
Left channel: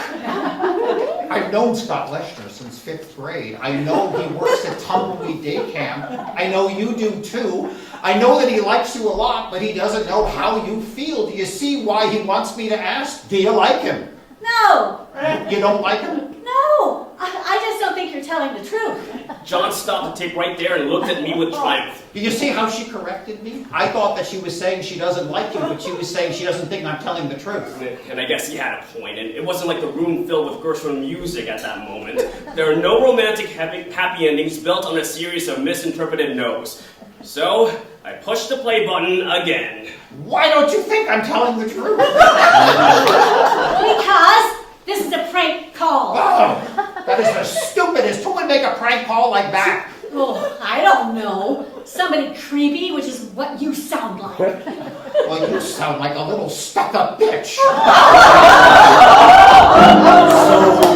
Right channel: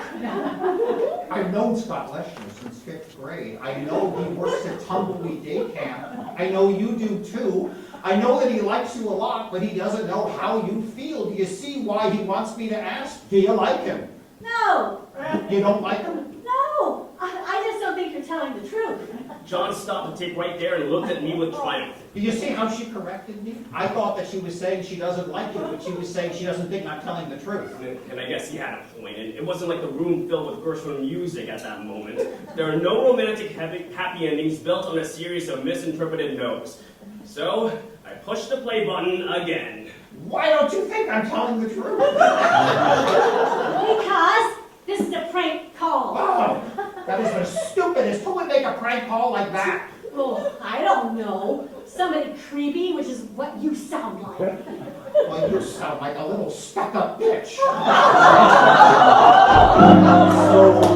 I've known Scott Leshner since 5th grade. I know he works at Tumbleweed Day Camp. I know you do too. I know that he likes you a lot, but he doesn't know how you feel. Do you see why he wants me to ask? Do you like him? No. You don't like him? No. I just don't think you're telling the truth. John stopped the tape right there and looked at me with triumph. Do you see how she corrected me? I thought that she was saying she doesn't like you, but she was saying she doesn't think I'm telling the truth. And I guess he had a point, and it wasn't like the room filled with Gershwin music at that moment. There are no romantic happy endings built on a series of misinterpreted no's. So, I pushed the play button again. Why don't you think I'm telling the truth? Because this is a prank call. Oh, that is the stupidest. Who would make a prank call like that? Oh, I don't know. Somebody creepy, which is what you sound like. Well, you sound like a little stuck-up bitch. So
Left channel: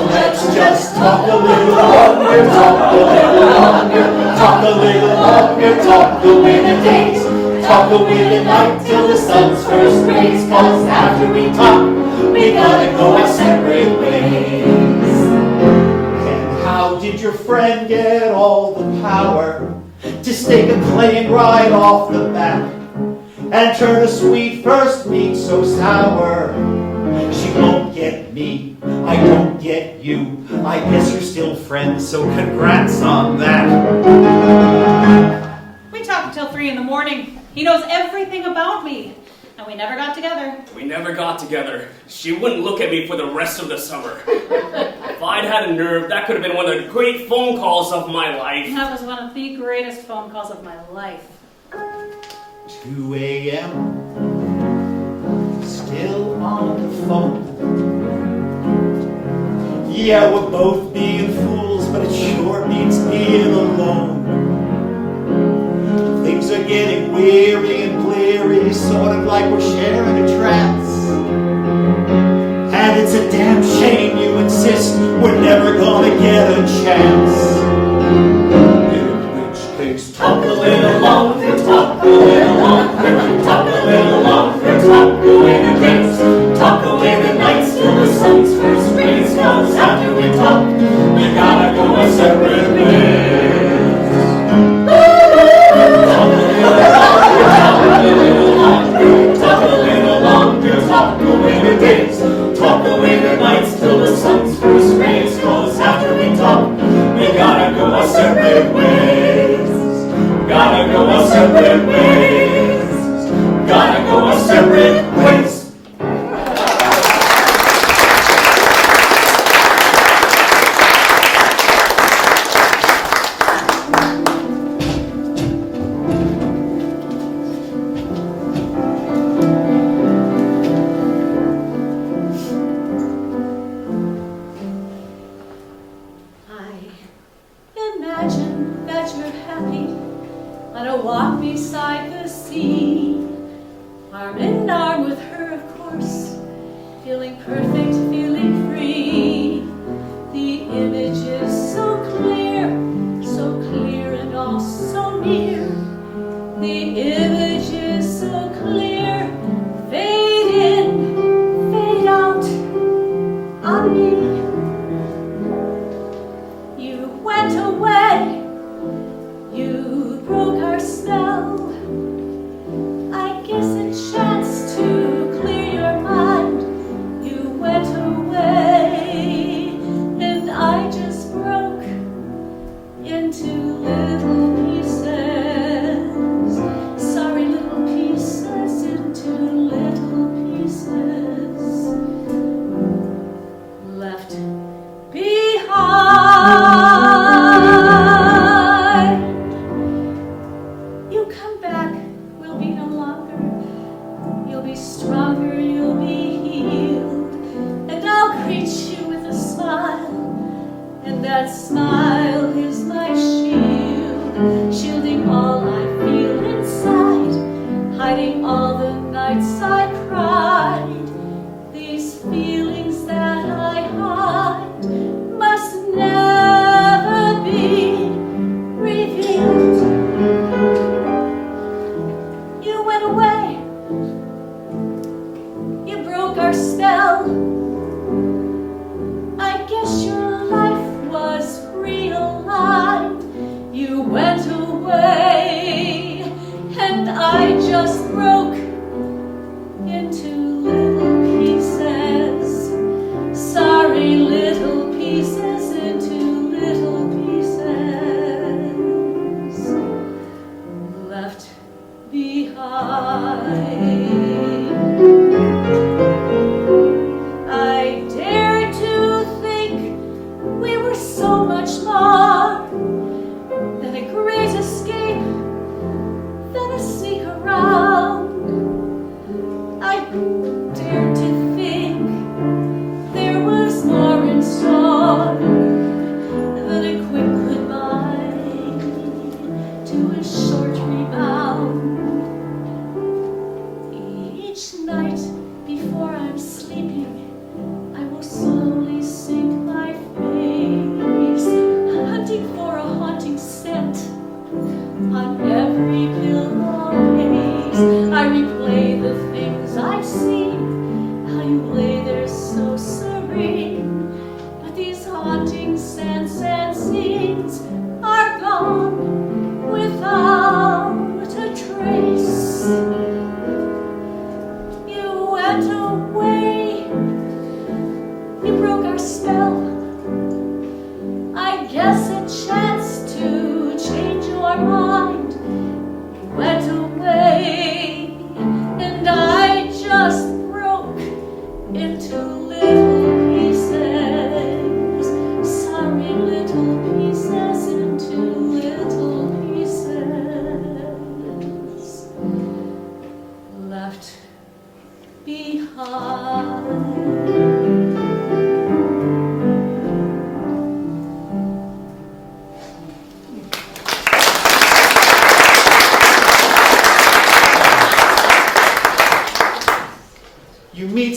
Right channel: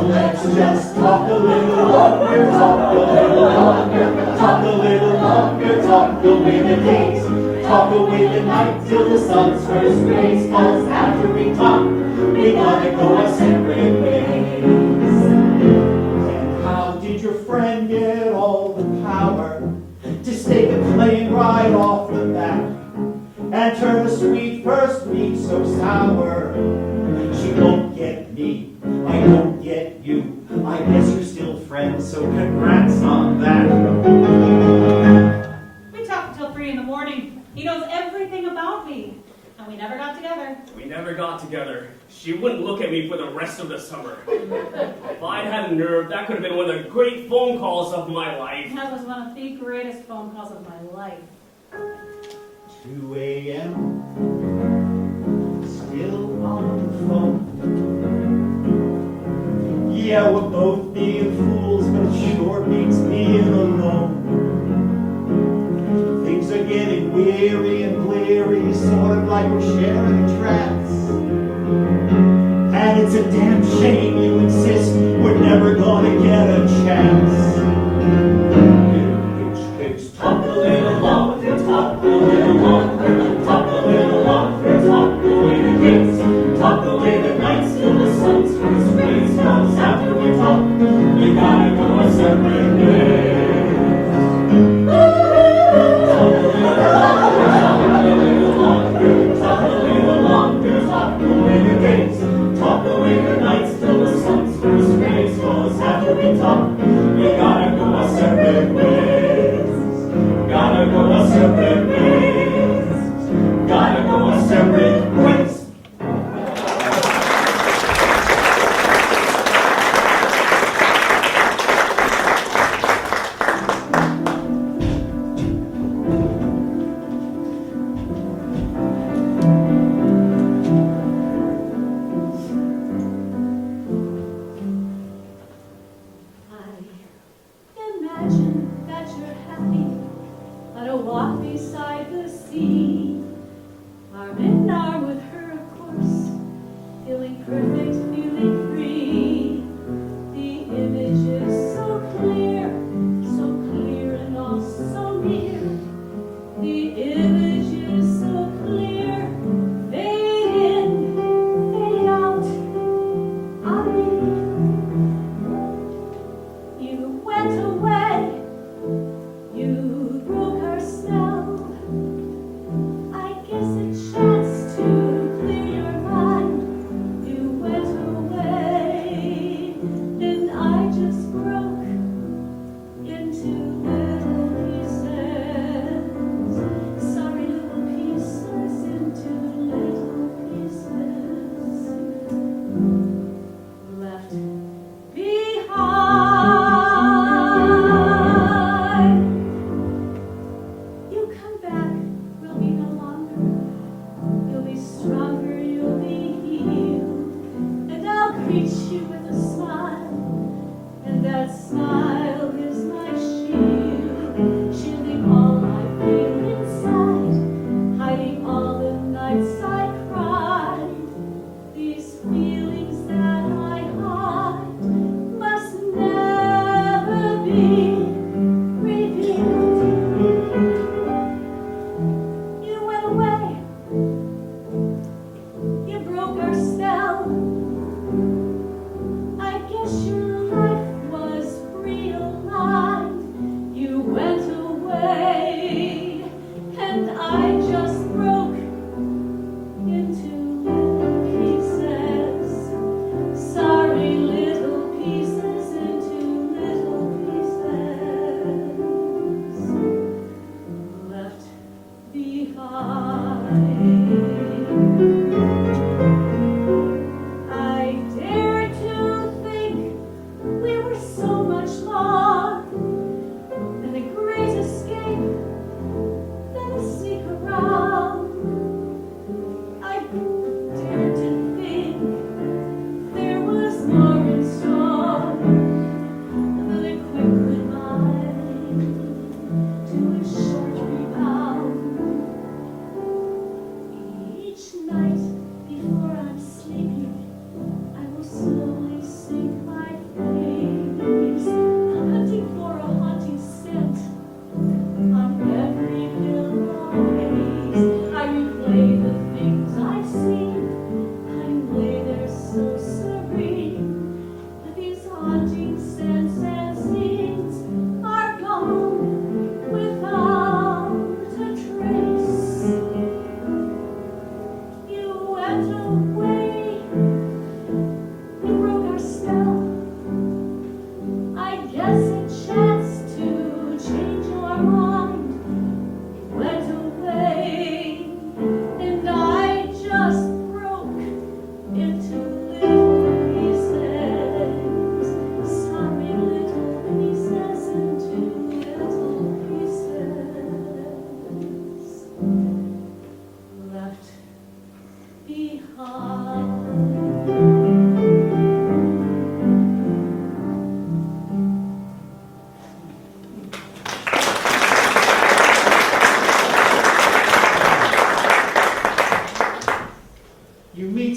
let's just talk a little longer, talk a little longer, talk a little longer, talk away the days, talk away the night till the sun's first rays. Cause after we talk, we gotta go our separate ways. And how did your friend get all the power to stake a claim right off the bat and turn a sweet first meet so sour? She won't get me, I don't get you. I guess you're still friends, so congrats on that. We talked until 3 in the morning. He knows every never got together. We never got together. She wouldn't look at me for the rest of the summer. If I'd had a nerve, that could have been one of the great phone calls of my life. That was one of the greatest phone calls of my life. 2 a.m. Still on the phone. Yeah, we're both being fools, but it sure beats being alone. Things are getting weary and bleary, sort of like we're sharing a trance. And it's a damn shame you insist we're never gonna get a chance. In which case, talk a little longer, talk a little longer, talk a little longer, talk away the days, talk away the nights till the sun's first rays. 'Cause after we talk, we gotta go our separate ways. Talk a little longer, talk a little longer, talk away the days, talk away the nights till the sun's first rays. 'Cause after we talk, we gotta go our separate ways. Gotta go our separate ways. Gotta go our separate ways. Imagine that you're happy on a walk beside the sea, arm in arm with her, of course, feeling perfect, feeling free. The image is so clear and all so near. The image is so clear, fade in, fade out on me. You went away, you broke our spell. I guess a chance to clear your mind. You went away, and I just broke into little pieces. Sorry, little pieces, into little pieces. Left behind. You come back, we'll be no longer. You'll be stronger, you'll be healed, and I'll greet you with a smile, and that smile is my shield, shielding all I feel inside, hiding all the nights I cried. These feelings that I hide must never be revealed. You went away, you broke our spell. I guess your life was realigned. You went away, and I just broke into little pieces. Sorry, little pieces, into little pieces. Left behind. I dared to think we were so much more than a great escape, than a sneak around.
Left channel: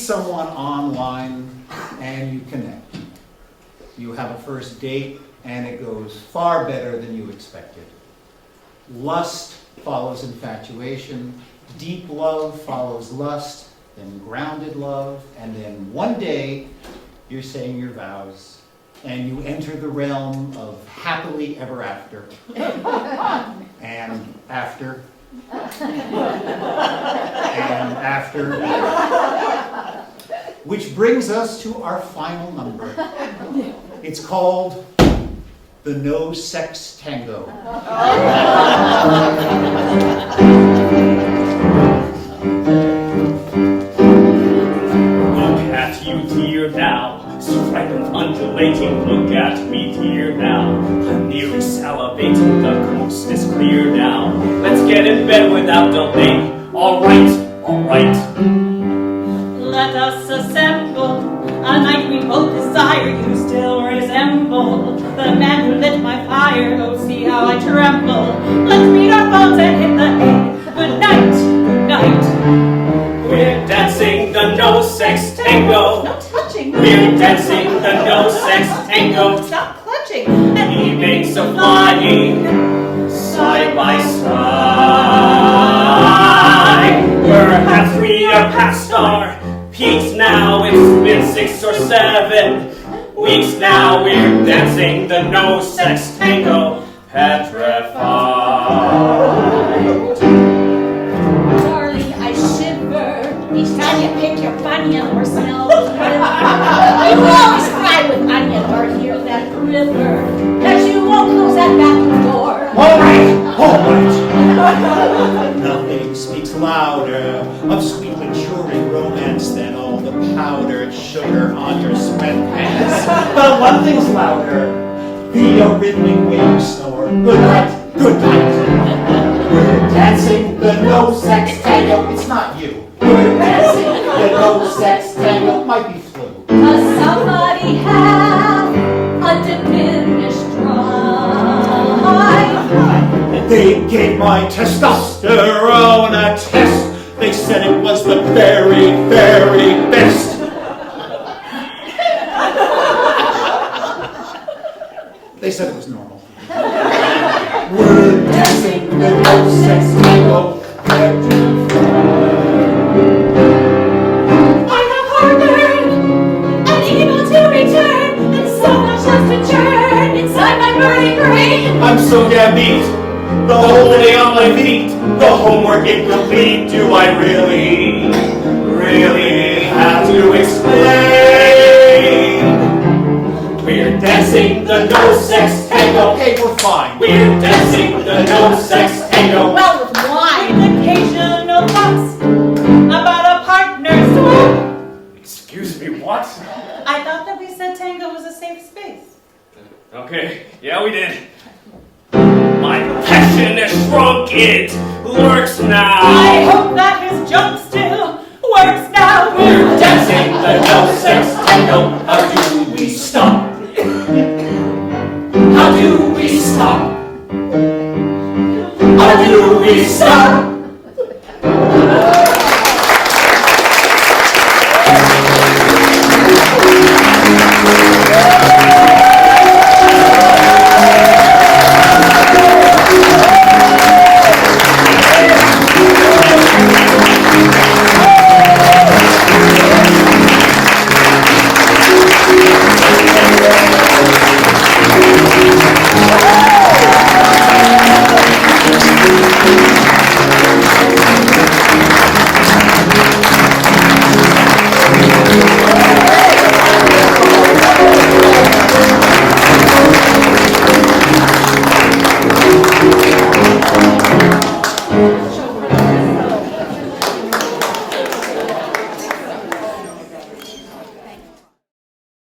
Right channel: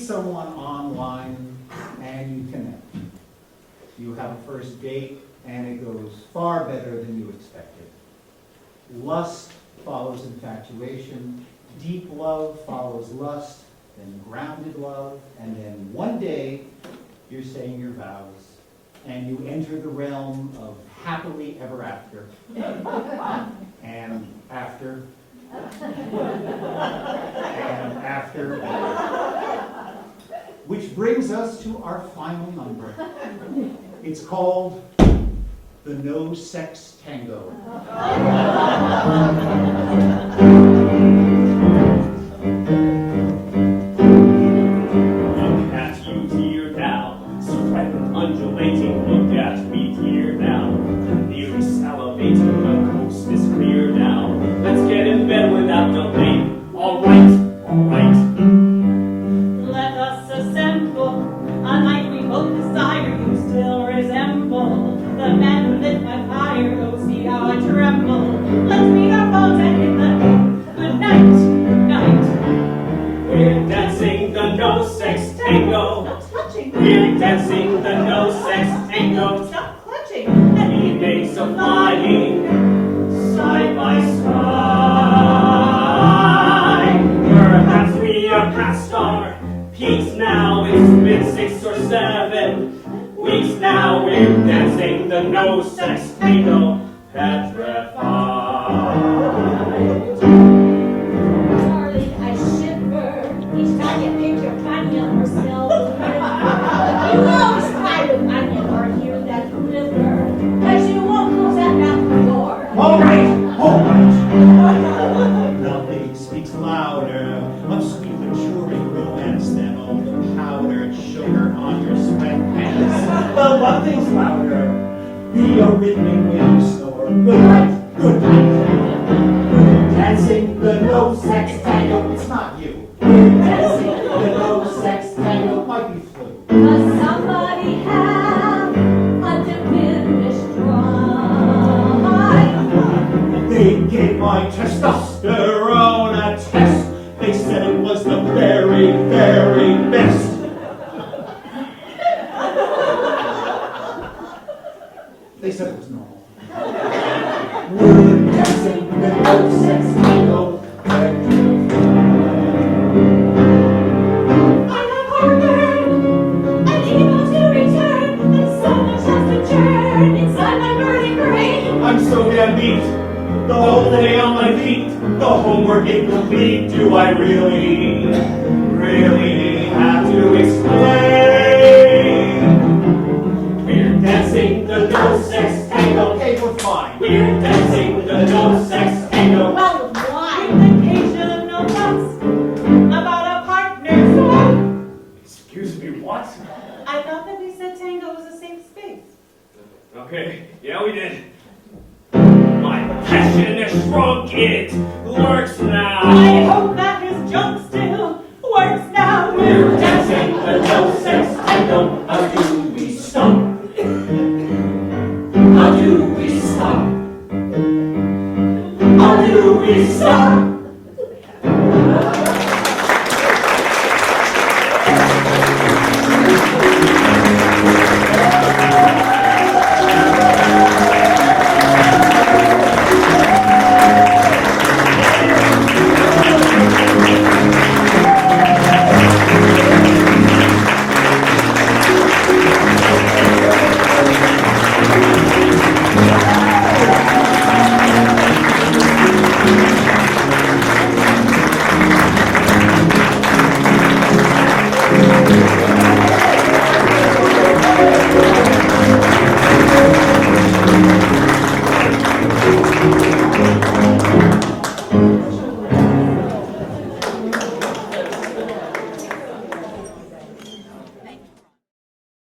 someone online and you connect. You have a first date and it goes far better than you expected. Lust follows infatuation, deep love follows lust, then grounded love, and then one day you're saying your vows and you enter the realm of happily ever after. And after. And after. Which brings us to our final number. It's called the No Sex Tango. Look at you, dear now. Striped undulating, look at me, dear now. I'm nearly salivating, the coast is clear now. Let's get in bed without delay. All right, all right. Let us assemble a night we both desire. You still resemble the man who lit my fire. Oh, see how I tremble. Let's meet our phones and hit the hay. Good night, good night. We're dancing the no sex tango. No touching. We're dancing the no sex tango. Stop clutching. And evenings of flying side by side. Perhaps we are past our peaks now. It's been 6 or 7 weeks now. We're dancing the no sex tango. Petrified. Darling, I shiver each time you pick your bunion or smell the river. You always cry with onion or hear that river, that you won't close that bathroom door. All right. Nothing speaks louder of sweet maturing romance than all the powdered sugar on your sweatpants. But one thing's louder, the rhythmic way you snore. Good night, good night. We're dancing the no sex tango. It's not you. We're dancing the no sex tango. Might be flu. Does somebody have a diminished drive? They gave my testosterone a test. They said it was the very, very best. They said it was normal. We're dancing the no sex tango. I have harbored an evil to return, and so much left to churn inside my burning brain. I'm so damn beat. The whole day on my feet. The homework incomplete. Do I really, really have to explain? We're dancing the no sex tango. Okay, we're fine. We're dancing the no sex tango. Well, with wine. With occasional thoughts about a partner swap. Excuse me, what? I thought that we said tango was a safe space. Okay, yeah, we did. My passion has shrunk, it lurks now. I hope that his jump still works now. We're dancing the no sex tango. How do we stop? How do we stop? How do we stop?